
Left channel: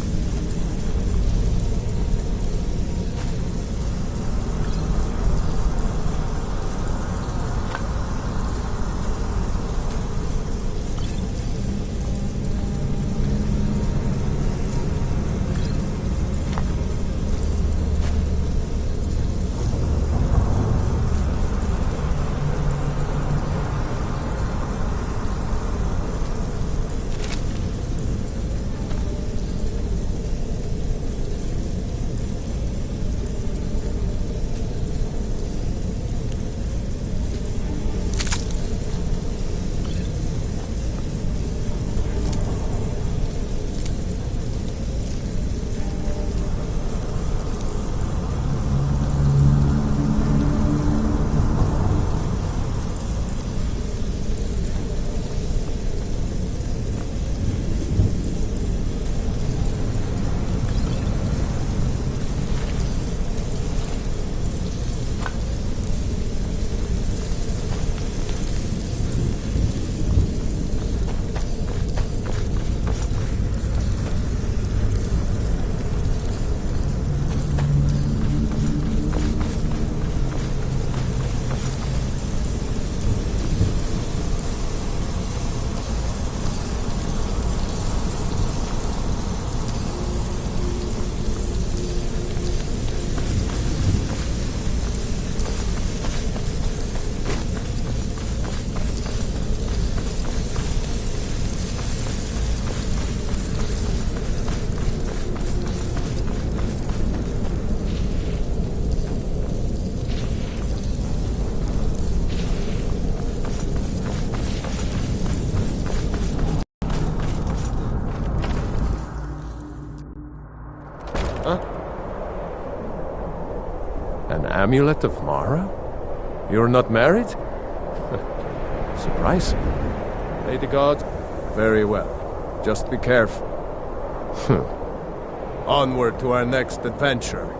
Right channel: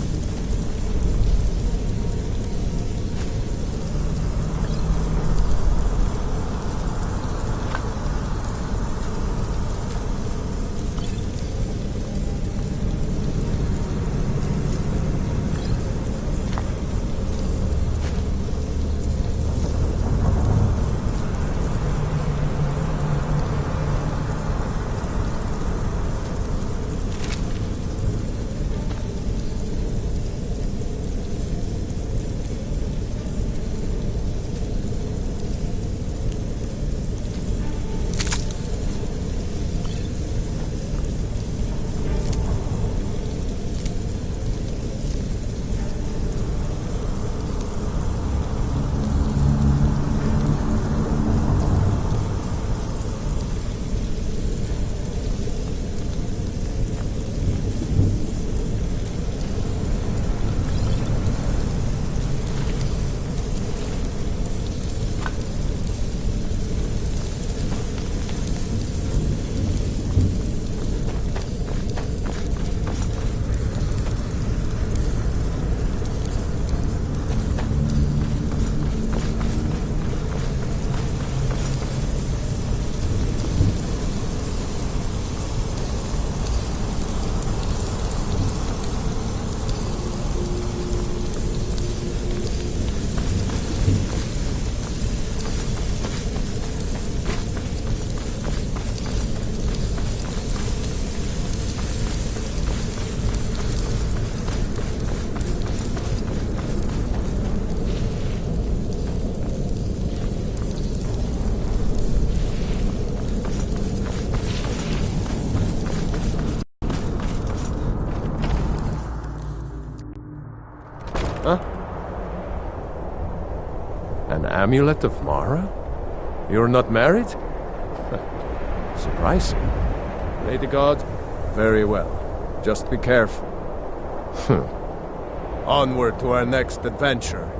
An amulet of Mara? You're not married? Surprising. Pray to God. Very well. Just be careful. Onward to our next adventure.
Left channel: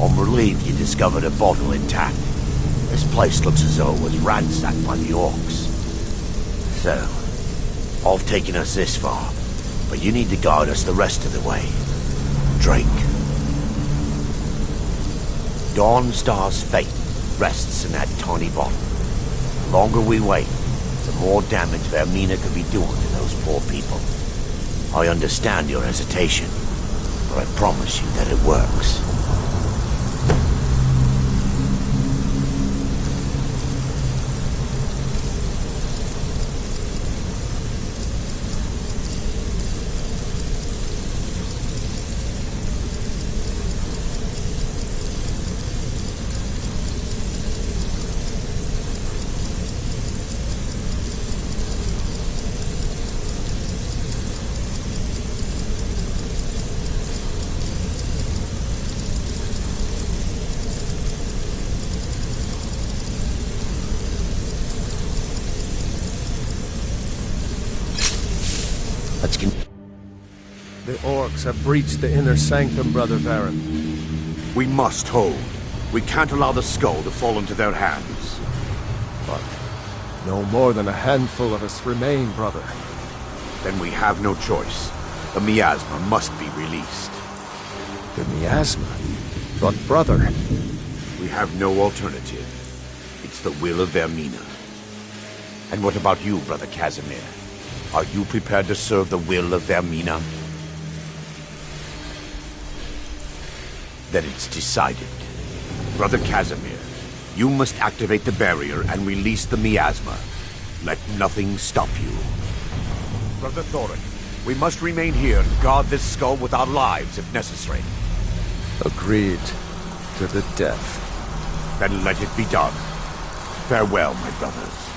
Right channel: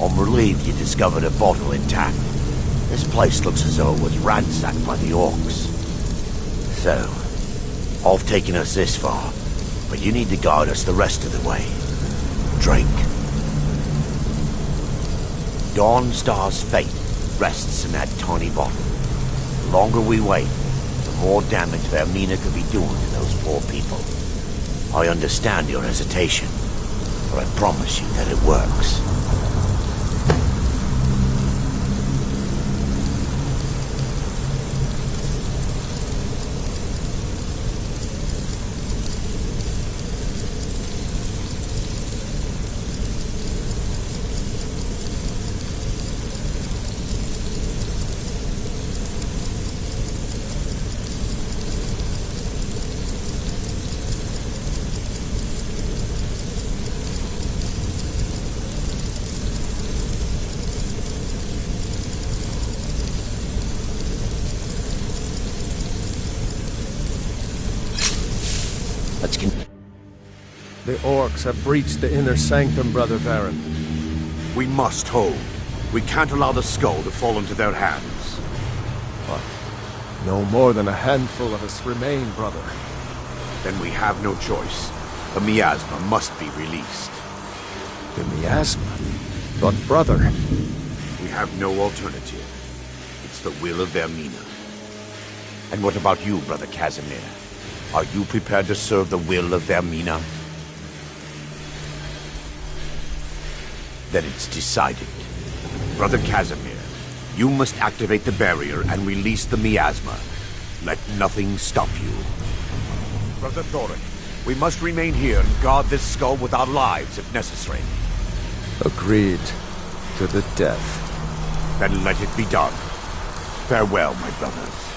I'm relieved you discovered a bottle intact. This place looks as though it was ransacked by the orcs. So, I've taken us this far, but you need to guide us the rest of the way. Drink. Dawnstar's fate rests in that tiny bottle. The longer we wait, the more damage Vermina could be doing to those poor people. I understand your hesitation, but I promise you that it works. The orcs have breached the inner sanctum, Brother Varen. We must hold. We can't allow the skull to fall into their hands. But no more than a handful of us remain, brother. Then we have no choice. The miasma must be released. The miasma? But brother... We have no alternative. It's the will of Vermina. And what about you, Brother Casimir? Are you prepared to serve the will of Vermina? Then it's decided. Brother Casimir, you must activate the barrier and release the miasma. Let nothing stop you. Brother Thoric, we must remain here and guard this skull with our lives if necessary. Agreed. To the death. Then let it be done. Farewell, my brothers.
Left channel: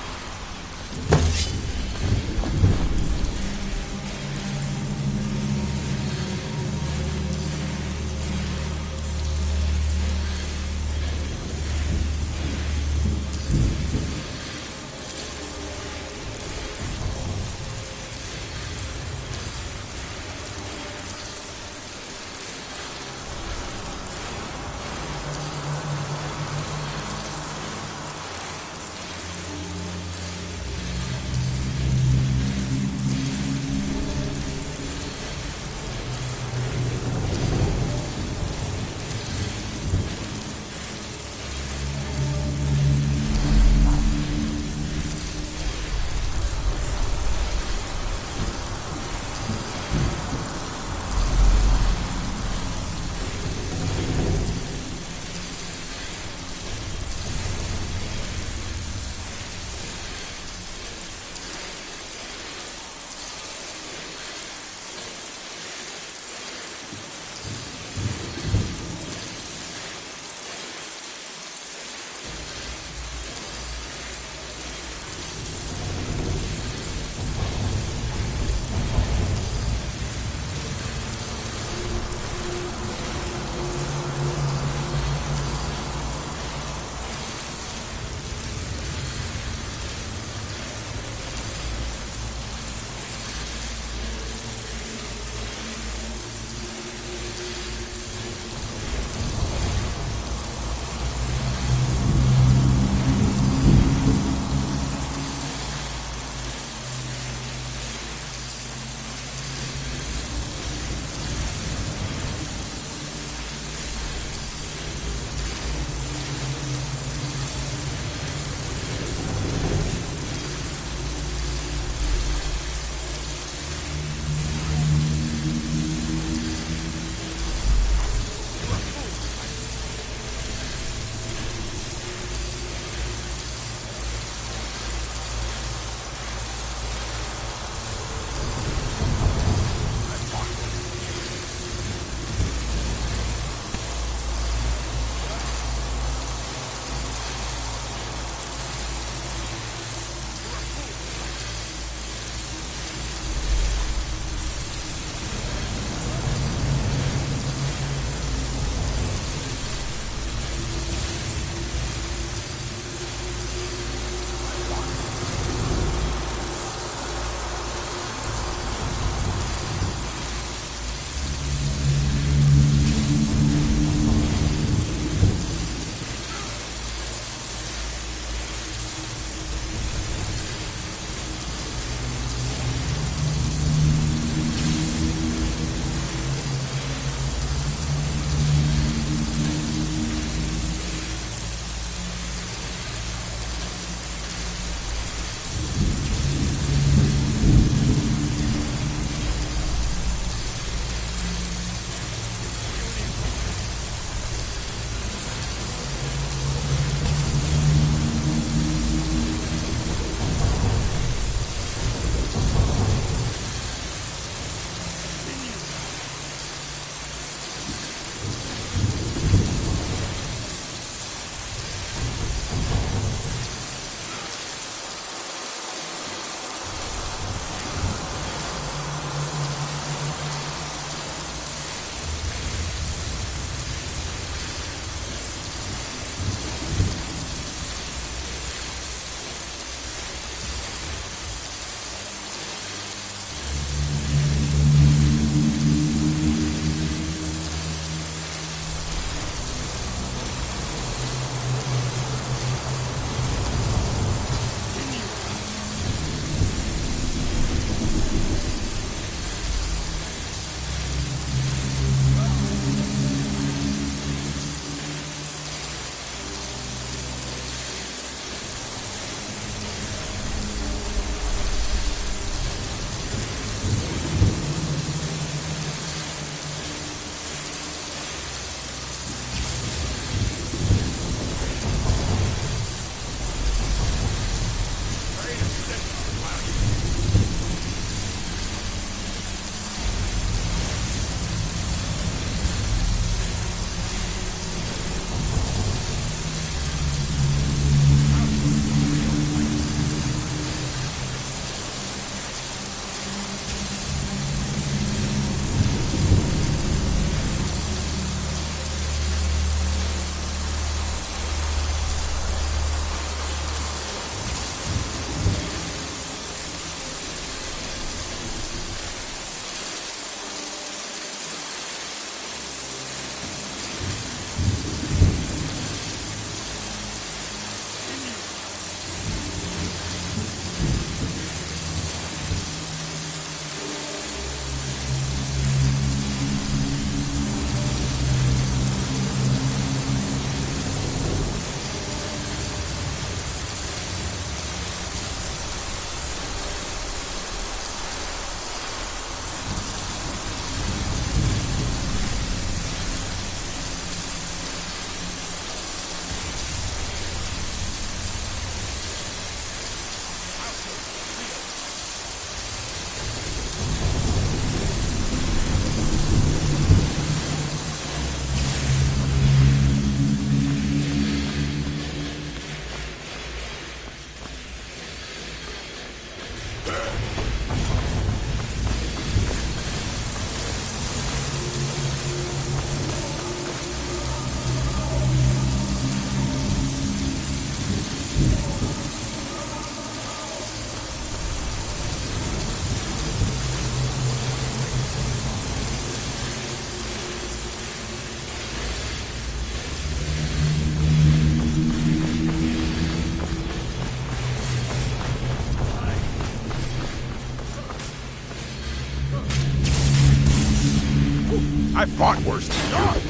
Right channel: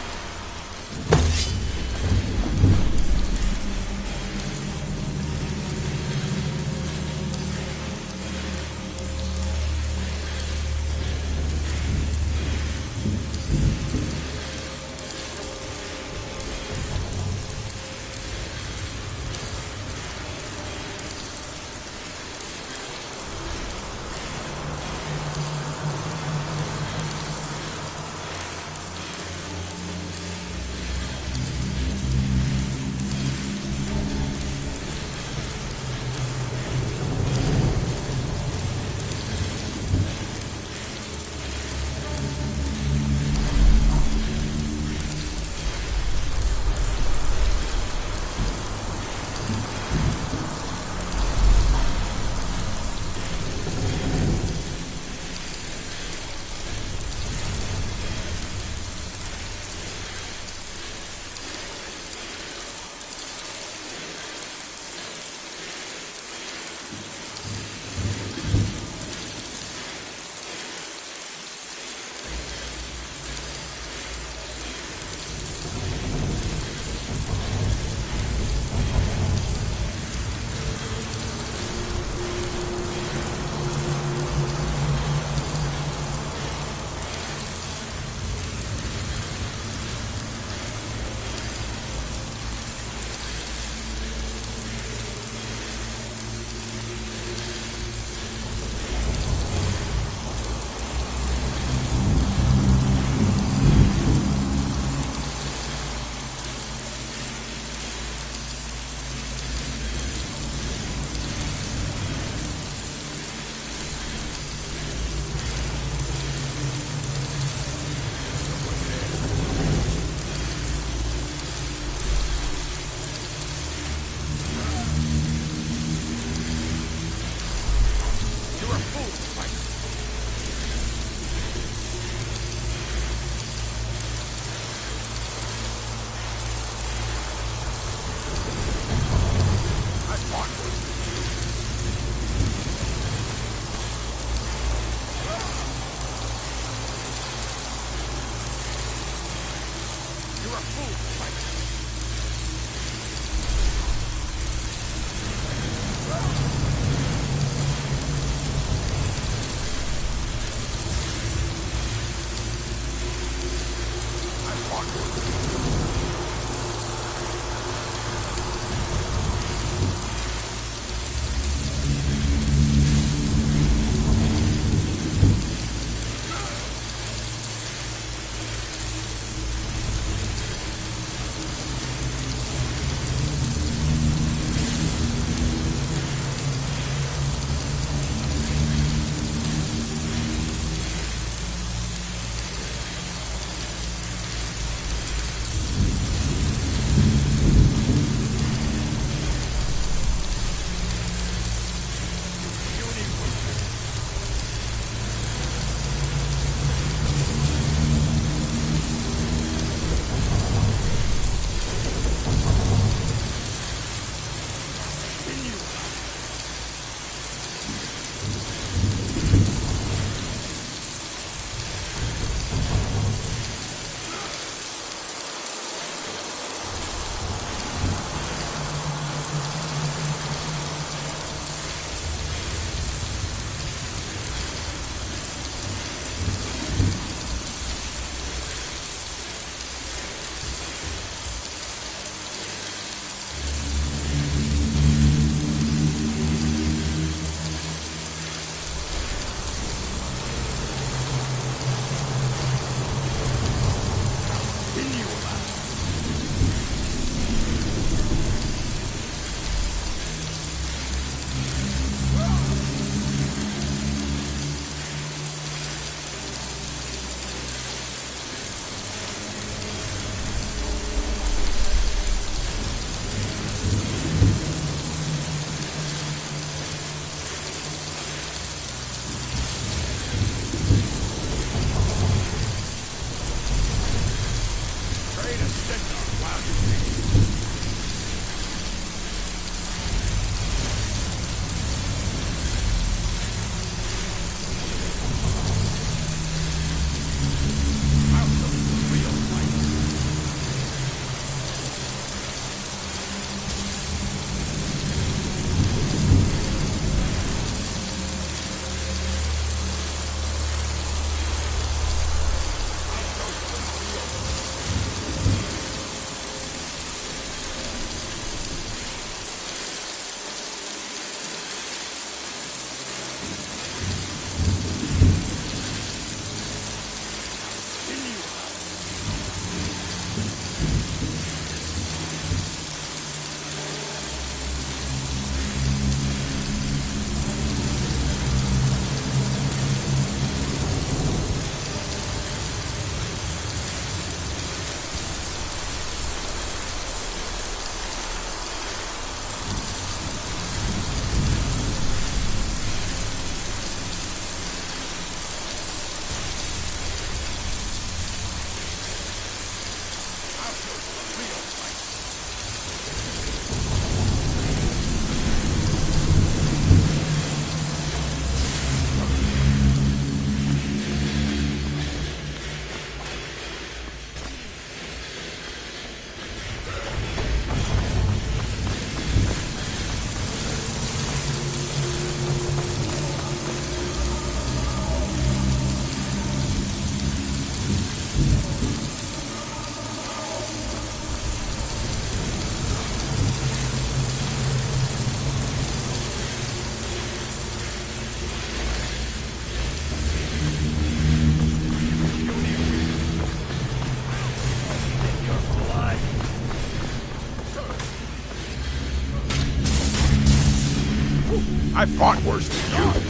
I fought worse than you.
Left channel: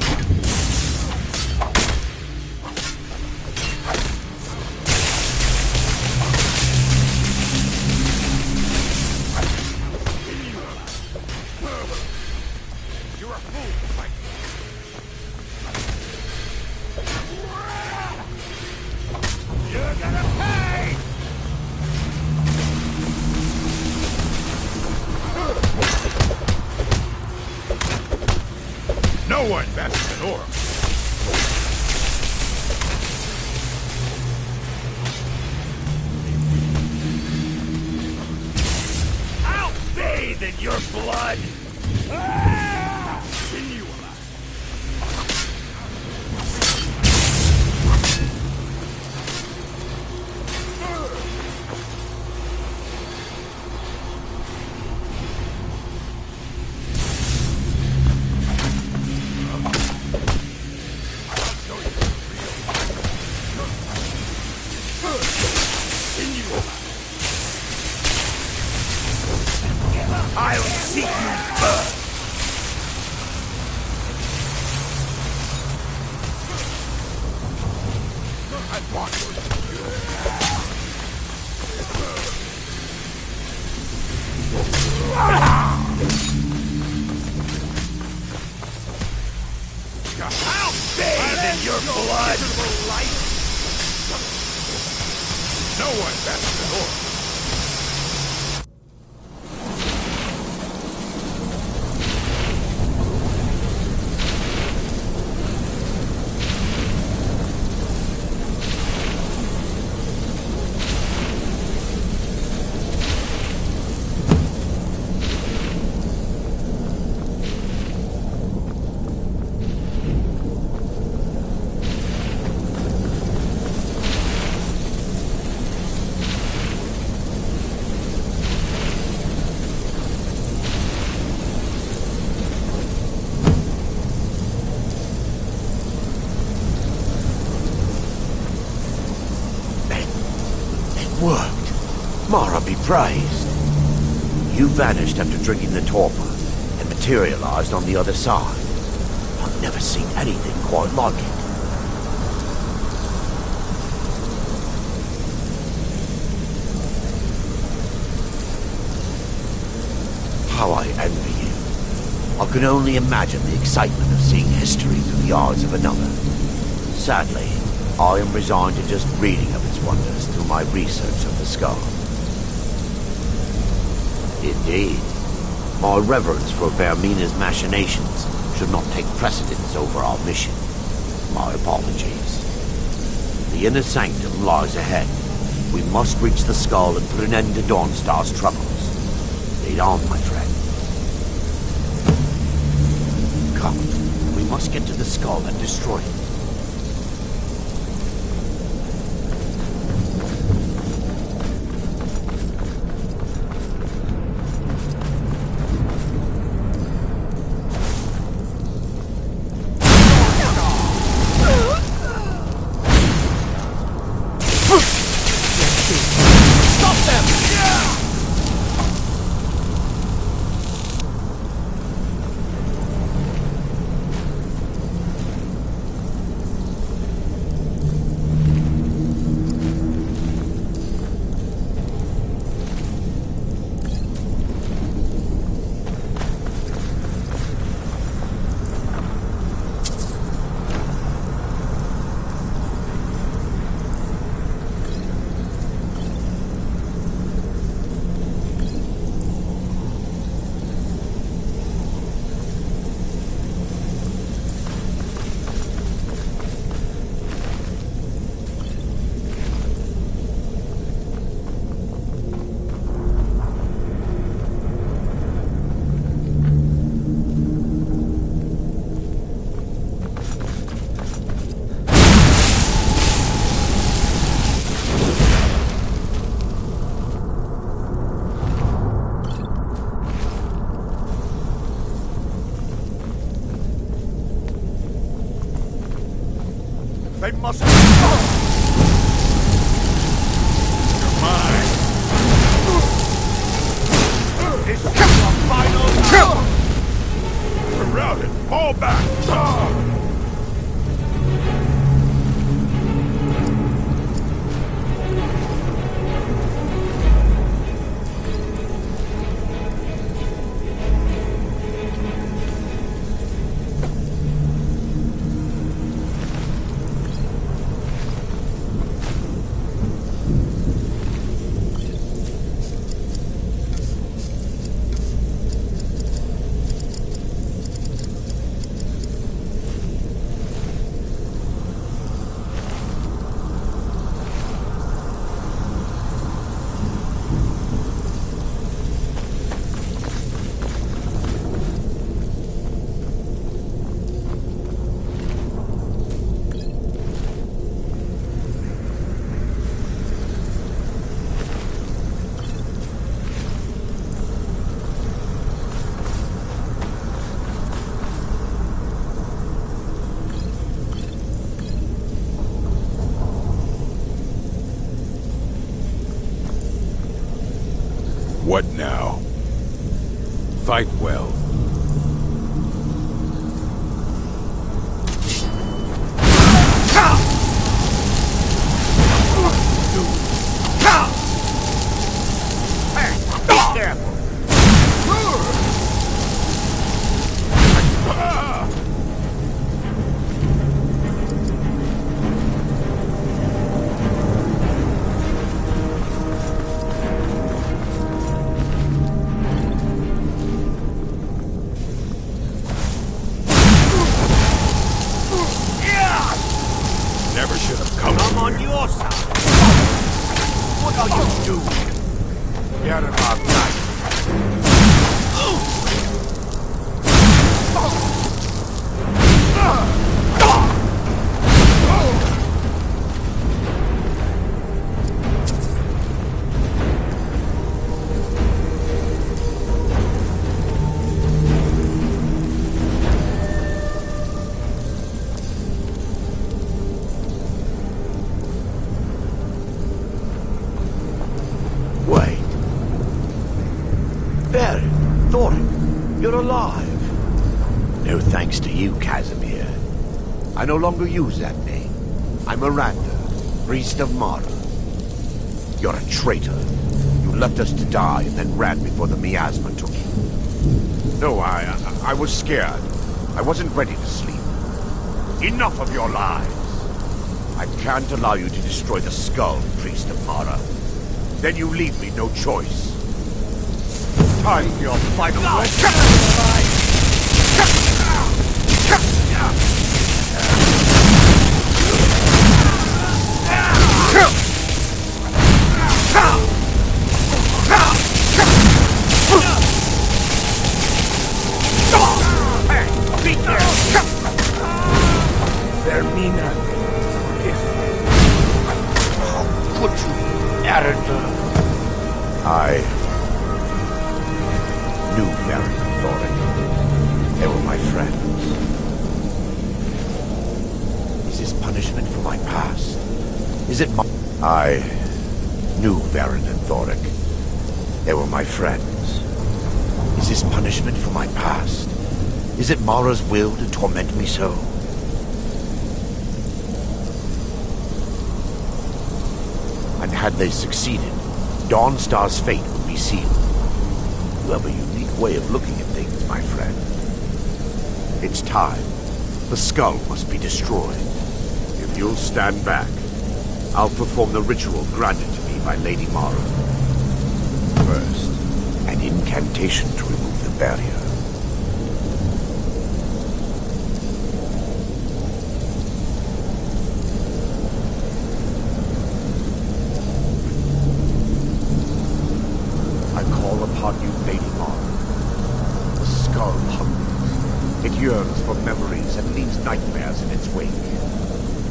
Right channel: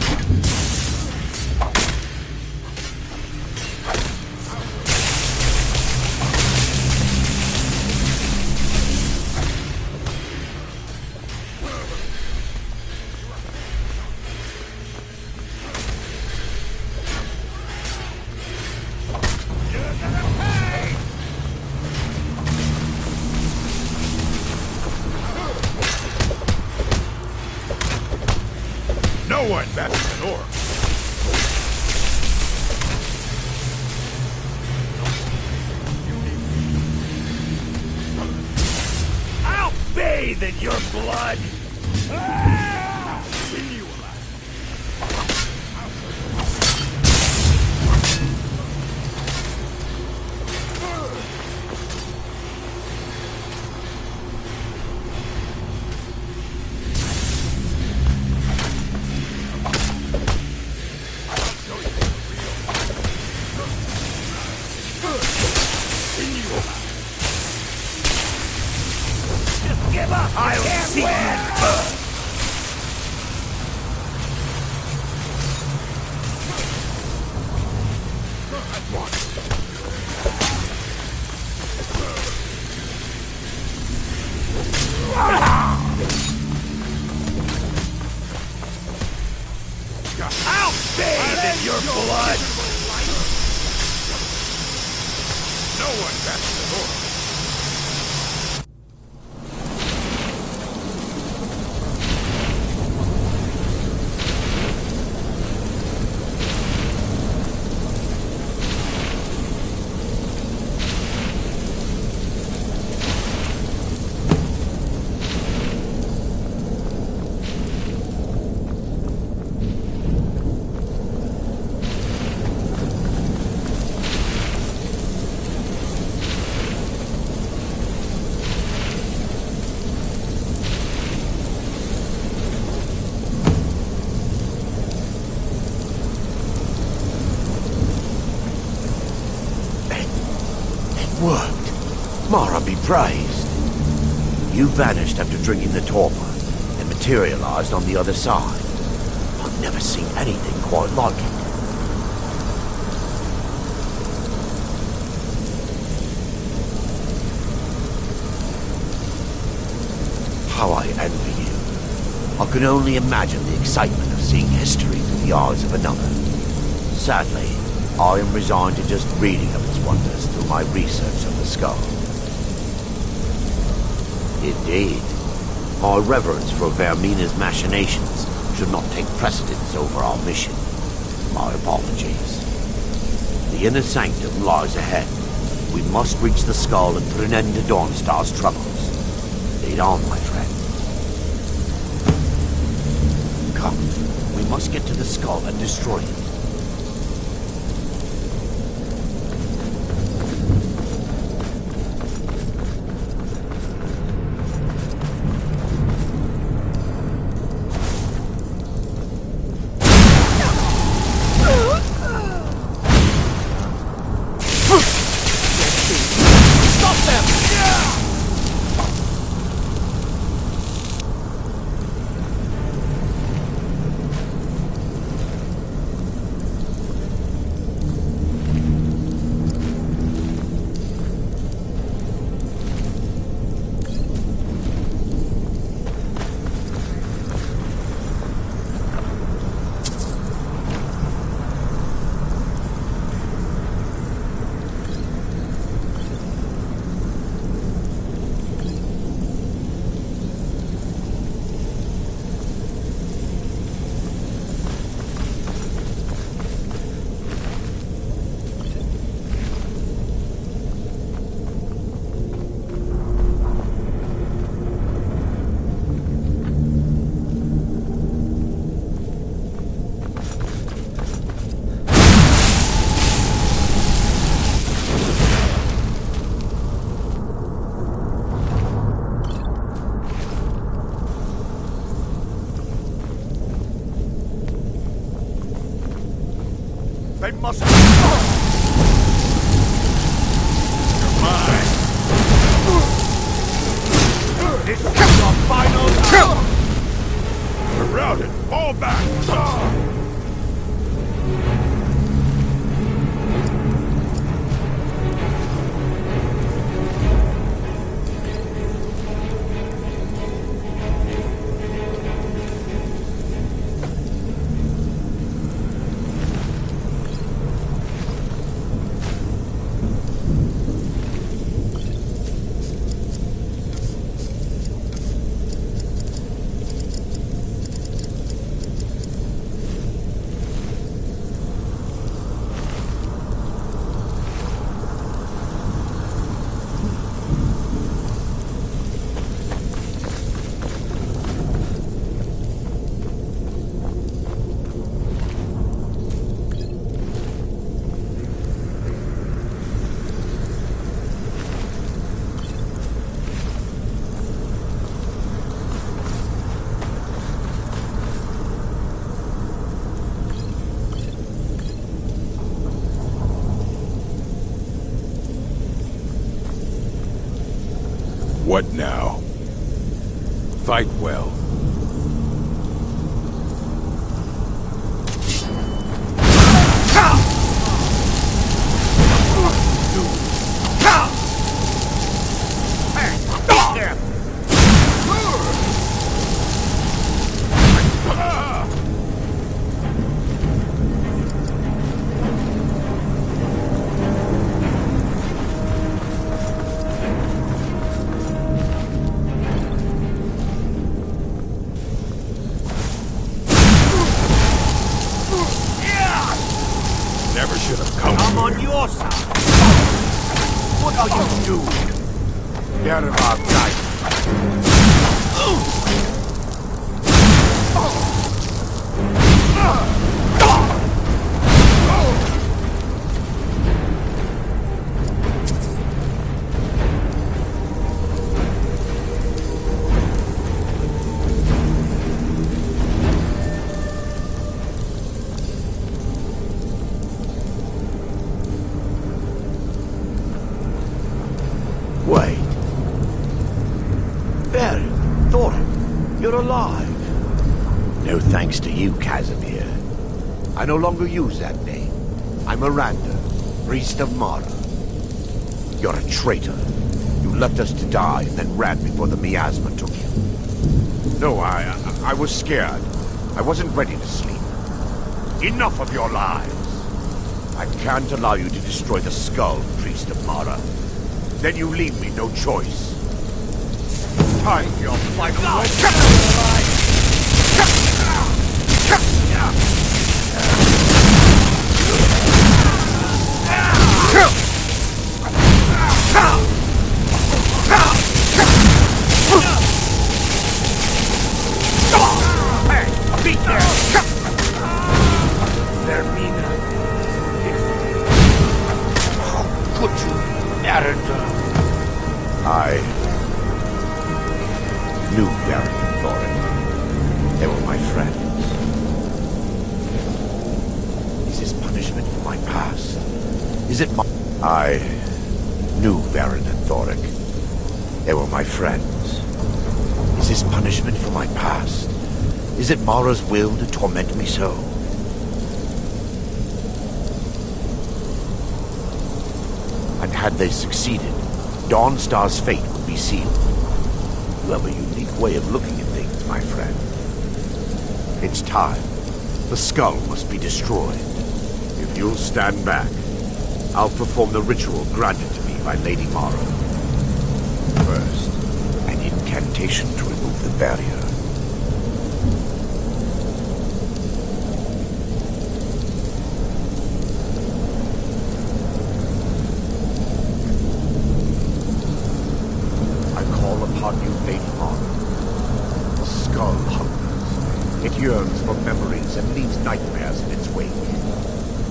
No one better than Orc. I'll bathe in your blood! Continue alive. I'll see you burn! I want I'll bathe in your blood! No one better than Orc. Worked. Mara be praised. You vanished after drinking the torpor and materialized on the other side. I've never seen anything quite like it. How I envy you. I can only imagine the excitement of seeing history through the eyes of another. Sadly, I am resigned to just reading of its wonders through my research of the skull. Indeed, my reverence for Vermina's machinations should not take precedence over our mission. My apologies. The inner sanctum lies ahead. We must reach the skull and put an end to Dawnstar's troubles. Lead on, my friend. Come, we must get to the skull and destroy it. They must... You're mine! This is your final hour! routed! Fall back! What now? Fight well. Never should have come I'm here. on your side. What are you doing? Get him out, guys. Wait. Baron, Thorin, you're alive. No thanks to you, Casimir. I no longer use that name. I'm Miranda, priest of Mara. You're a traitor. You left us to die and then ran before the miasma took you. No, I was scared. I wasn't ready to sleep. Enough of your lies. I can't allow you to destroy the skull, priest of Mara. Then you leave me no choice. Time for your final Hey, be careful! Vermina, forgive me. How could you, Arendelle? I knew Baron and Thorin. They were my friends. Is this punishment for my past? Is it my... I knew Baron and Thoric. They were my friends. Is this punishment for my past? Is it Mara's will to torment me so? And had they succeeded, Dawnstar's fate would be sealed. You have a unique way of looking at things, my friend. It's time. The skull must be destroyed. If you'll stand back, I'll perform the ritual granted to me by Lady Mara. First, an incantation to remove the barrier. I call upon you, Lady Mara. The skull hungers. It yearns for memories and leaves nightmares in its wake.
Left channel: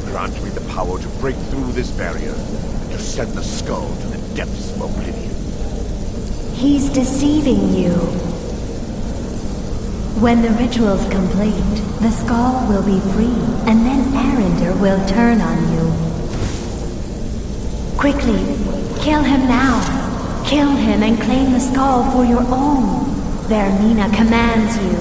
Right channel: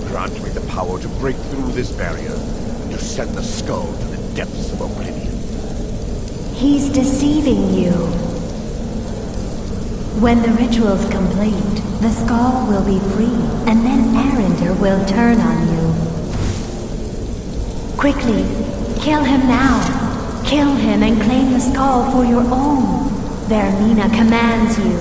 Grant me the power to break through this barrier and to send the skull to the depths of oblivion. He's deceiving you. When the ritual's complete, the skull will be free, and then Arender will turn on you. Quickly, kill him now. Kill him and claim the skull for your own. Vermina commands you.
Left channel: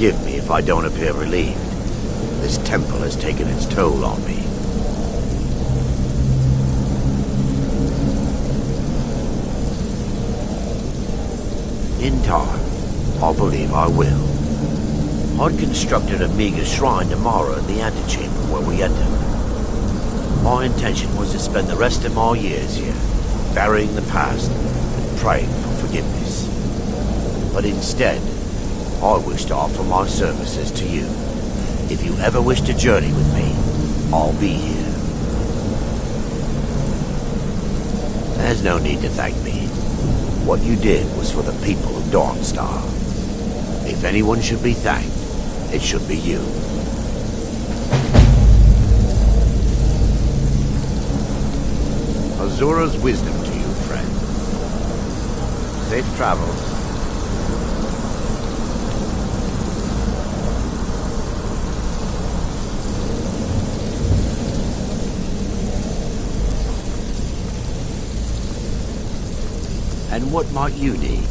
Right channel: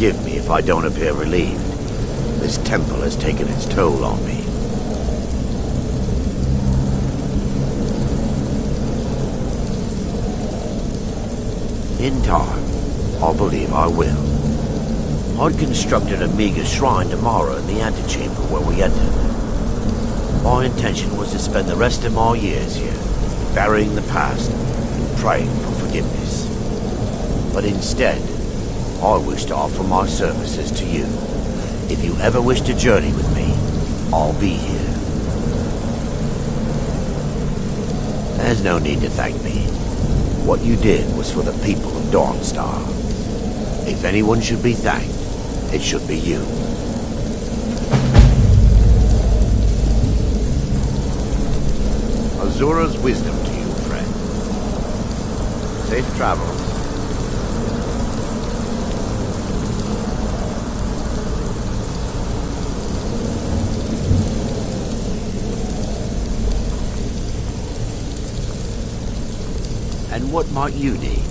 Forgive me if I don't appear relieved. This temple has taken its toll on me. In time, I believe I will. I'd constructed a meager shrine to Mara in the antechamber where we entered. My intention was to spend the rest of my years here, burying the past and praying for forgiveness. But instead, I wish to offer my services to you. If you ever wish to journey with me, I'll be here. There's no need to thank me. What you did was for the people of Dawnstar. If anyone should be thanked, it should be you. Azura's wisdom to you, friend. Safe travels. And what might you need?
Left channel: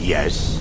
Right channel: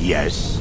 Yes.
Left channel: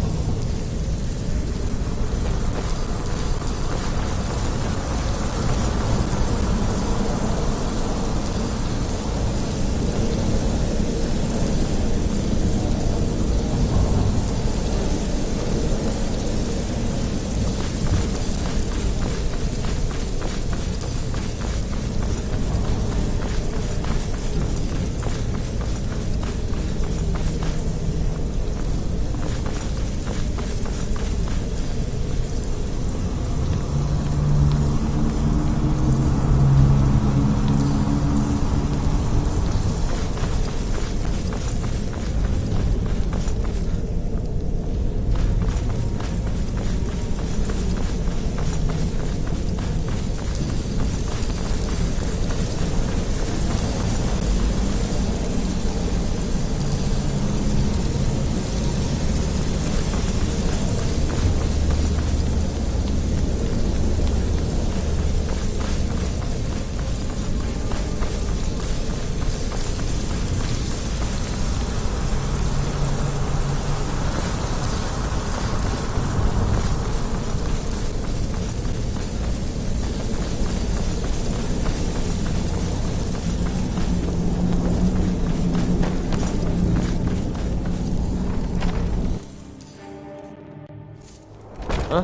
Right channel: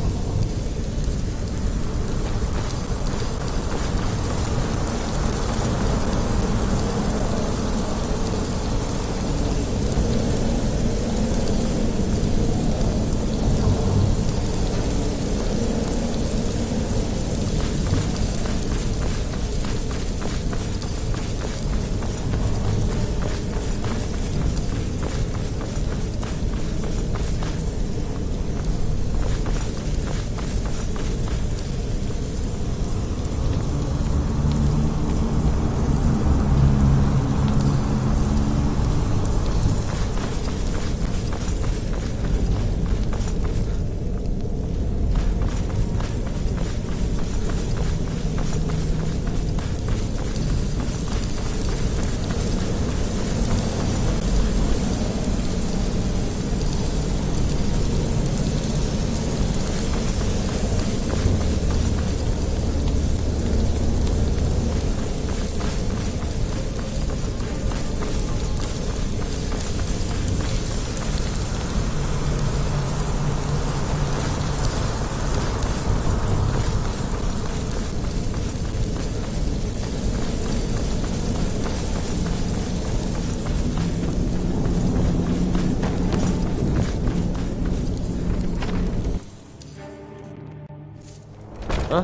Huh?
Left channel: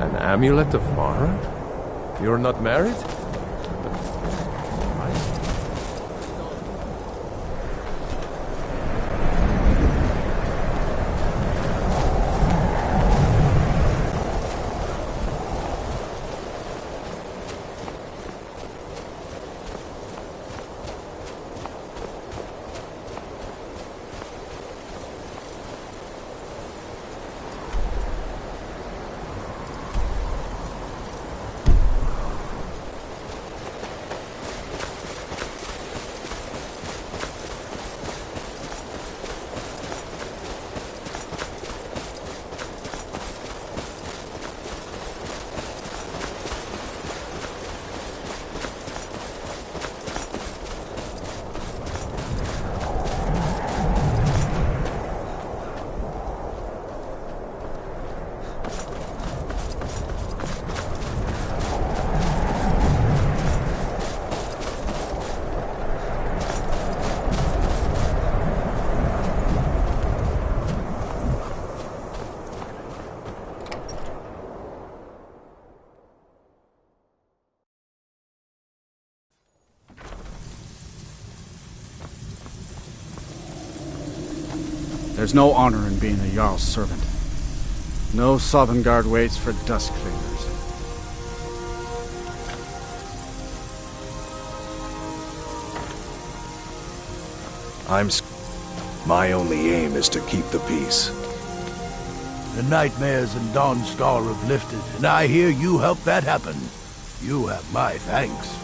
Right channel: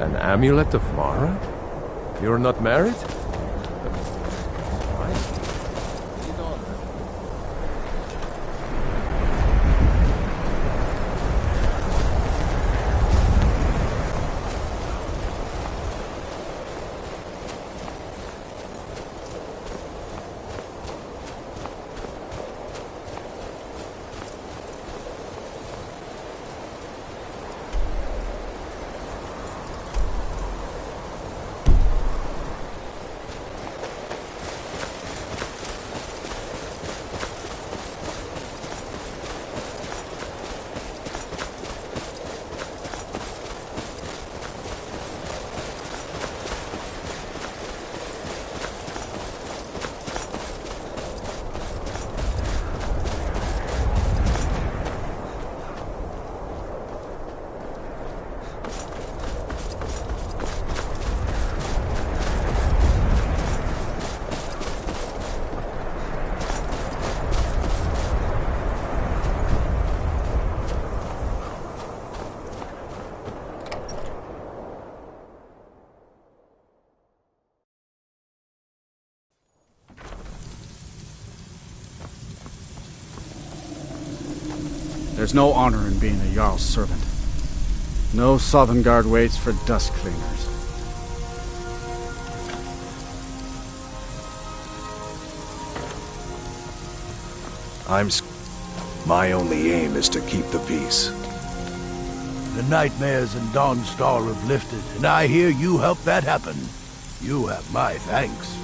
An amulet of Mara? You're not married? There's no honor in being a Jarl's servant. No Sovngarde waits for dust cleaners. My only aim is to keep the peace. The nightmares in Dawnstar have lifted, and I hear you helped that happen. You have my thanks.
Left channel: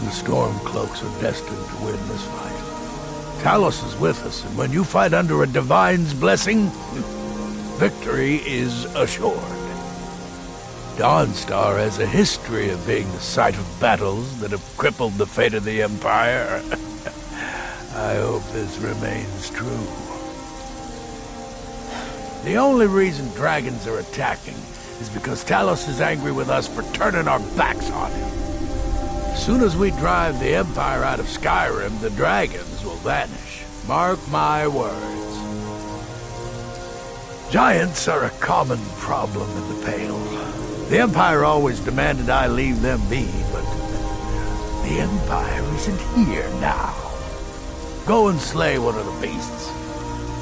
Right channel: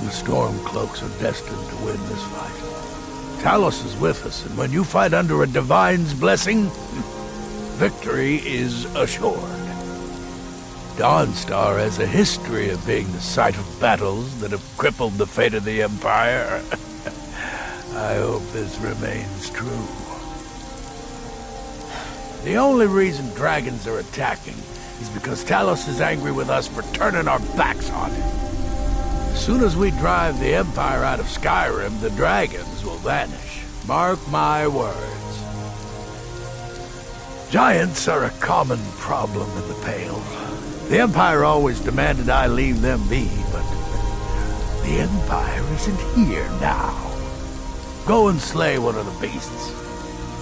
The Stormcloaks are destined to win this fight. Talos is with us, and when you fight under a Divine's blessing, victory is assured. Dawnstar has a history of being the site of battles that have crippled the fate of the Empire. I hope this remains true. The only reason dragons are attacking is because Talos is angry with us for turning our backs on him. As soon as we drive the Empire out of Skyrim, the dragons will vanish. Mark my words. Giants are a common problem in the Pale. The Empire always demanded I leave them be, but the Empire isn't here now. Go and slay one of the beasts.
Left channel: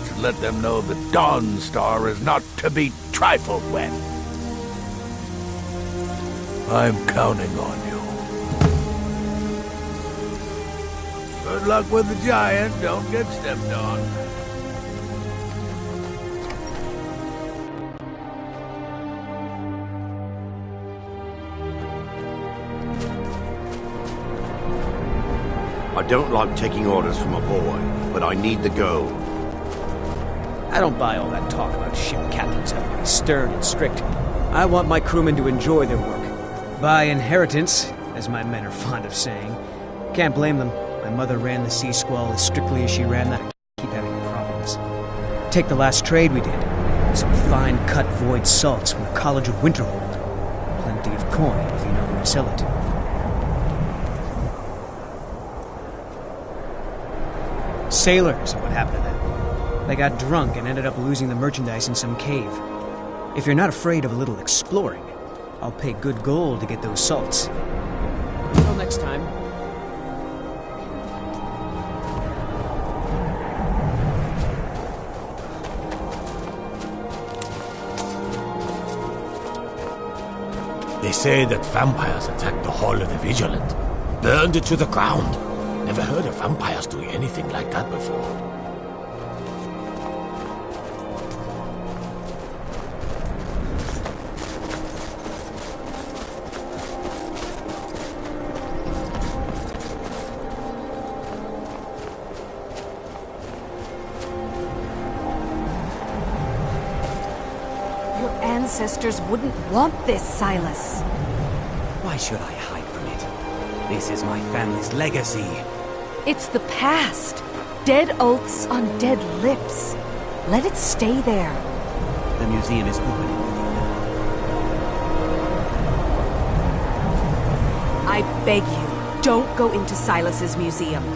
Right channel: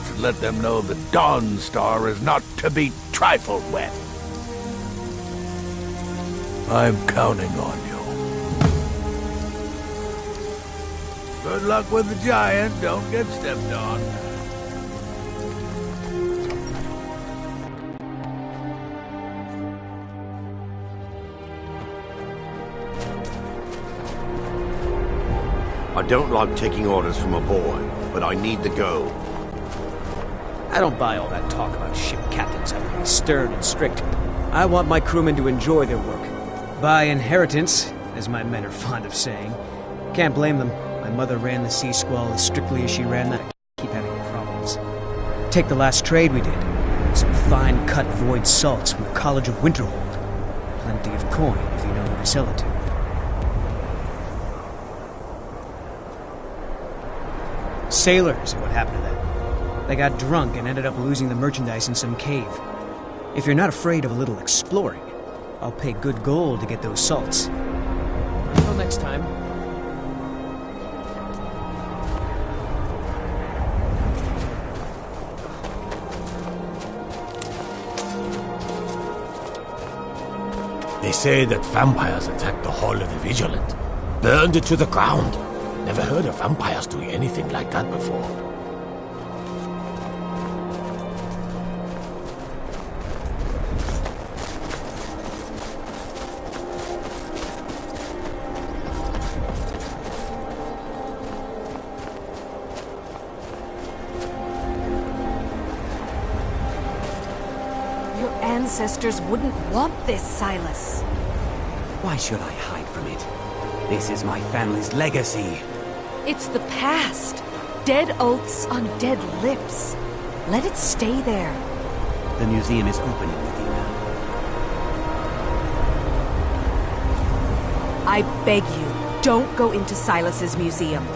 Should let them know that Dawnstar is not to be trifled with. I'm counting on you. Good luck with the giant. Don't get stepped on. I don't like taking orders from a boy, but I need to go. I don't buy all that talk about ship captains having to be stern and strict. I want my crewmen to enjoy their work. By inheritance, as my men are fond of saying. Can't blame them. My mother ran the Sea Squall as strictly as she ran that. I keep having problems. Take the last trade we did. Some fine-cut void salts from the College of Winterhold. Plenty of coin if you know who to sell it to. Sailors are what happened to them. They got drunk and ended up losing the merchandise in some cave. If you're not afraid of a little exploring, I'll pay good gold to get those salts. Until next time. They say that vampires attacked the Hall of the Vigilant, burned it to the ground. Never heard of vampires doing anything like that before. Your ancestors wouldn't want this, Silas. Why should I hide from it? This is my family's legacy. It's the past. Dead oaths on dead lips. Let it stay there. The museum is opening, Medina. I beg you, don't go into Silas's museum.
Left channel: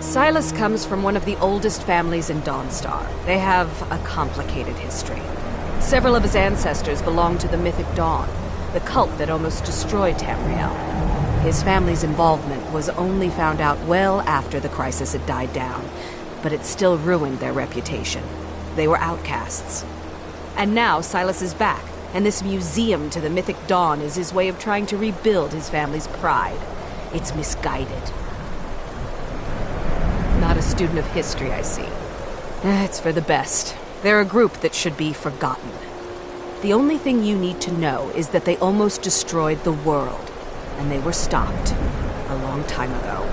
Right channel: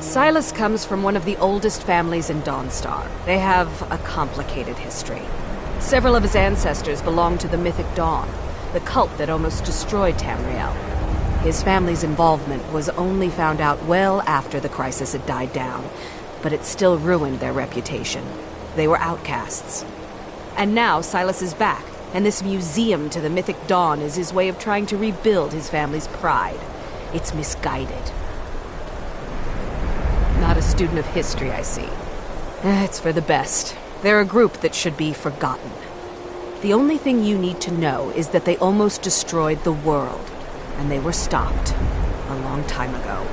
Silas comes from one of the oldest families in Dawnstar. They have a complicated history. Several of his ancestors belong to the Mythic Dawn, the cult that almost destroyed Tamriel. His family's involvement was only found out well after the crisis had died down, but it still ruined their reputation. They were outcasts. And now Silas is back, and this museum to the Mythic Dawn is his way of trying to rebuild his family's pride. It's misguided. Not a student of history, I see. It's for the best. They're a group that should be forgotten. The only thing you need to know is that they almost destroyed the world. And they were stopped a long time ago.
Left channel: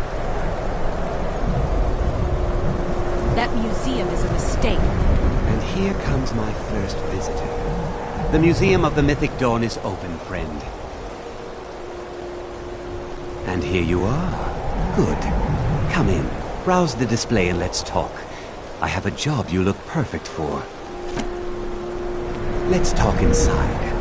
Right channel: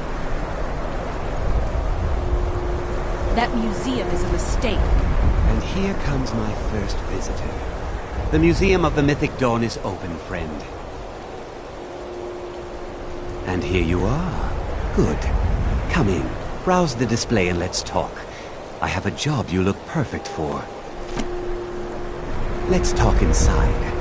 That museum is a mistake. And here comes my first visitor. The Museum of the Mythic Dawn is open, friend. And here you are. Good. Come in, browse the display and let's talk. I have a job you look perfect for. Let's talk inside.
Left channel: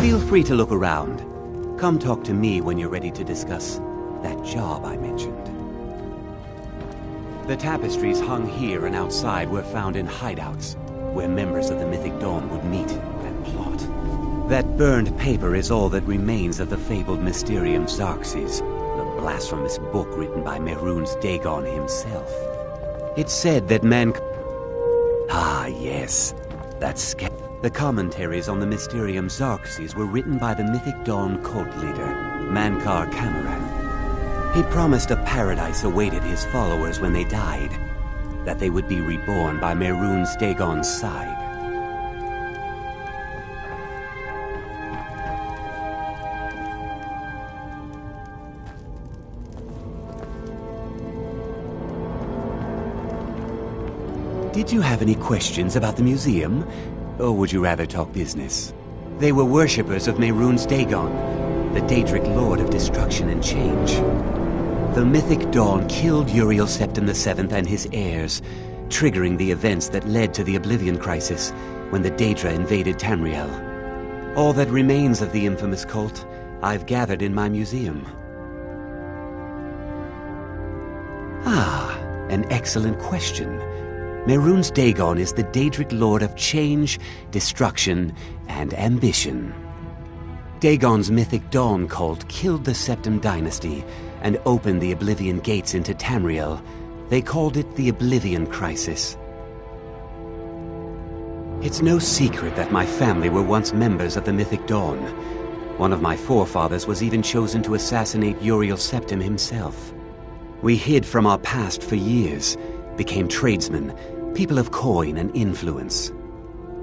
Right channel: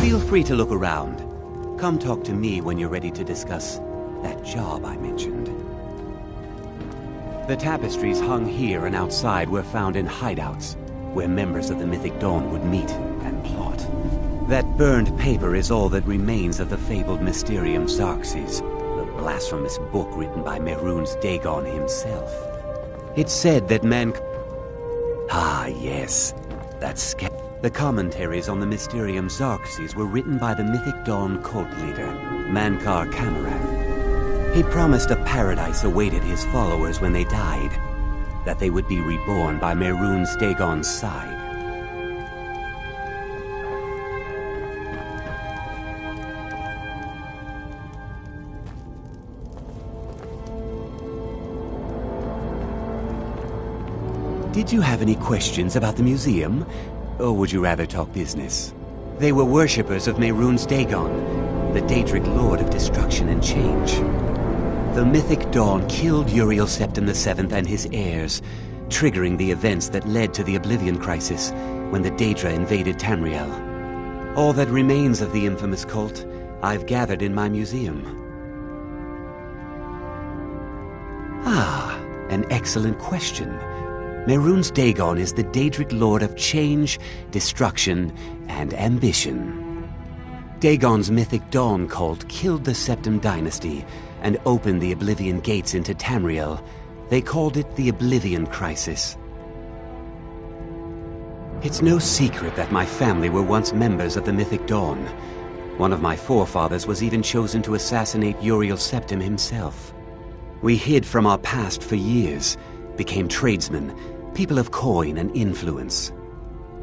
Feel free to look around. Come talk to me when you're ready to discuss that job I mentioned. The tapestries hung here and outside were found in hideouts, where members of the Mythic Dawn would meet and plot. That burned paper is all that remains of the fabled Mysterium Xarxes, the blasphemous book written by Mehrunes Dagon himself. It said that Ah, yes. That's the commentaries on the Mysterium Xarxes were written by the Mythic Dawn cult leader, Mankar Kamarath. He promised a paradise awaited his followers when they died, that they would be reborn by Mehrunes Dagon's side. Did you have any questions about the museum? Or would you rather talk business? They were worshippers of Mehrunes Dagon, the Daedric Lord of Destruction and Change. The Mythic Dawn killed Uriel Septim VII and his heirs, triggering the events that led to the Oblivion Crisis when the Daedra invaded Tamriel. All that remains of the infamous cult I've gathered in my museum. Ah, an excellent question. Mehrunes Dagon is the Daedric Lord of Change, Destruction, and Ambition. Dagon's Mythic Dawn cult killed the Septim Dynasty and opened the Oblivion Gates into Tamriel. They called it the Oblivion Crisis. It's no secret that my family were once members of the Mythic Dawn. One of my forefathers was even chosen to assassinate Uriel Septim himself. We hid from our past for years, became tradesmen, people of coin and influence.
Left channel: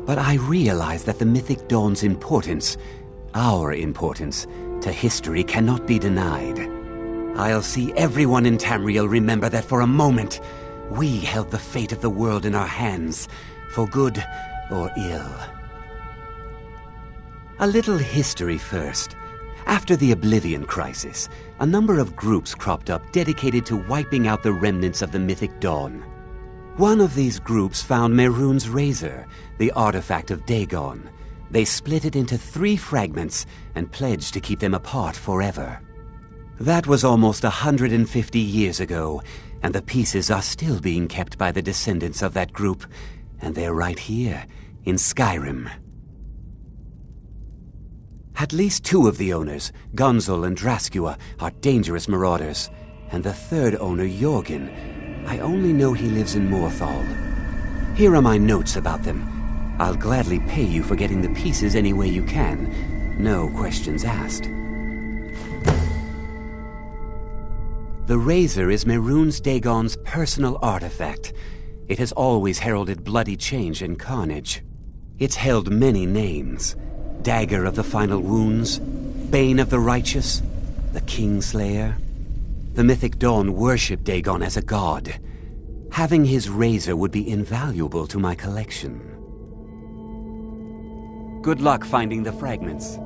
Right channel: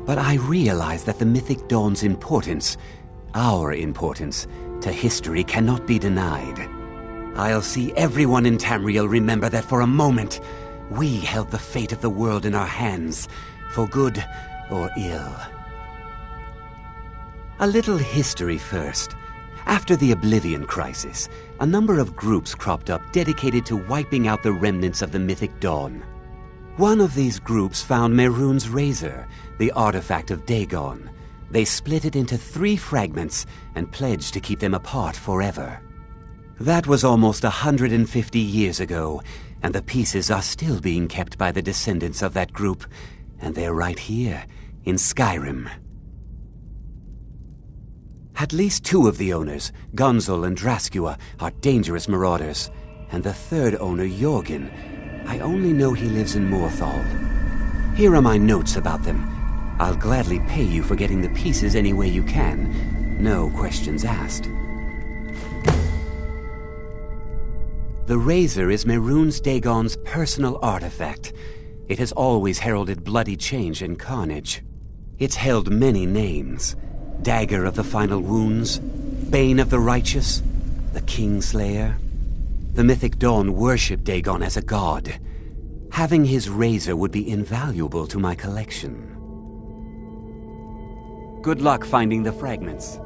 But I realized that the Mythic Dawn's importance, our importance, to history cannot be denied. I'll see everyone in Tamriel remember that for a moment, we held the fate of the world in our hands, for good or ill. A little history first. After the Oblivion Crisis, a number of groups cropped up dedicated to wiping out the remnants of the Mythic Dawn. One of these groups found Mehrunes' razor, the artifact of Dagon. They split it into 3 fragments and pledged to keep them apart forever. That was almost 150 years ago, and the pieces are still being kept by the descendants of that group, and they're right here, in Skyrim. At least 2 of the owners, Gunzel and Draskua, are dangerous marauders, and the 3rd owner, Jorgen, I only know he lives in Morthal. Here are my notes about them. I'll gladly pay you for getting the pieces any way you can. No questions asked. The razor is Mehrunes Dagon's personal artifact. It has always heralded bloody change and carnage. It's held many names. Dagger of the Final Wounds, Bane of the Righteous, the Kingslayer. The Mythic Dawn worshipped Dagon as a god. Having his razor would be invaluable to my collection. Good luck finding the fragments.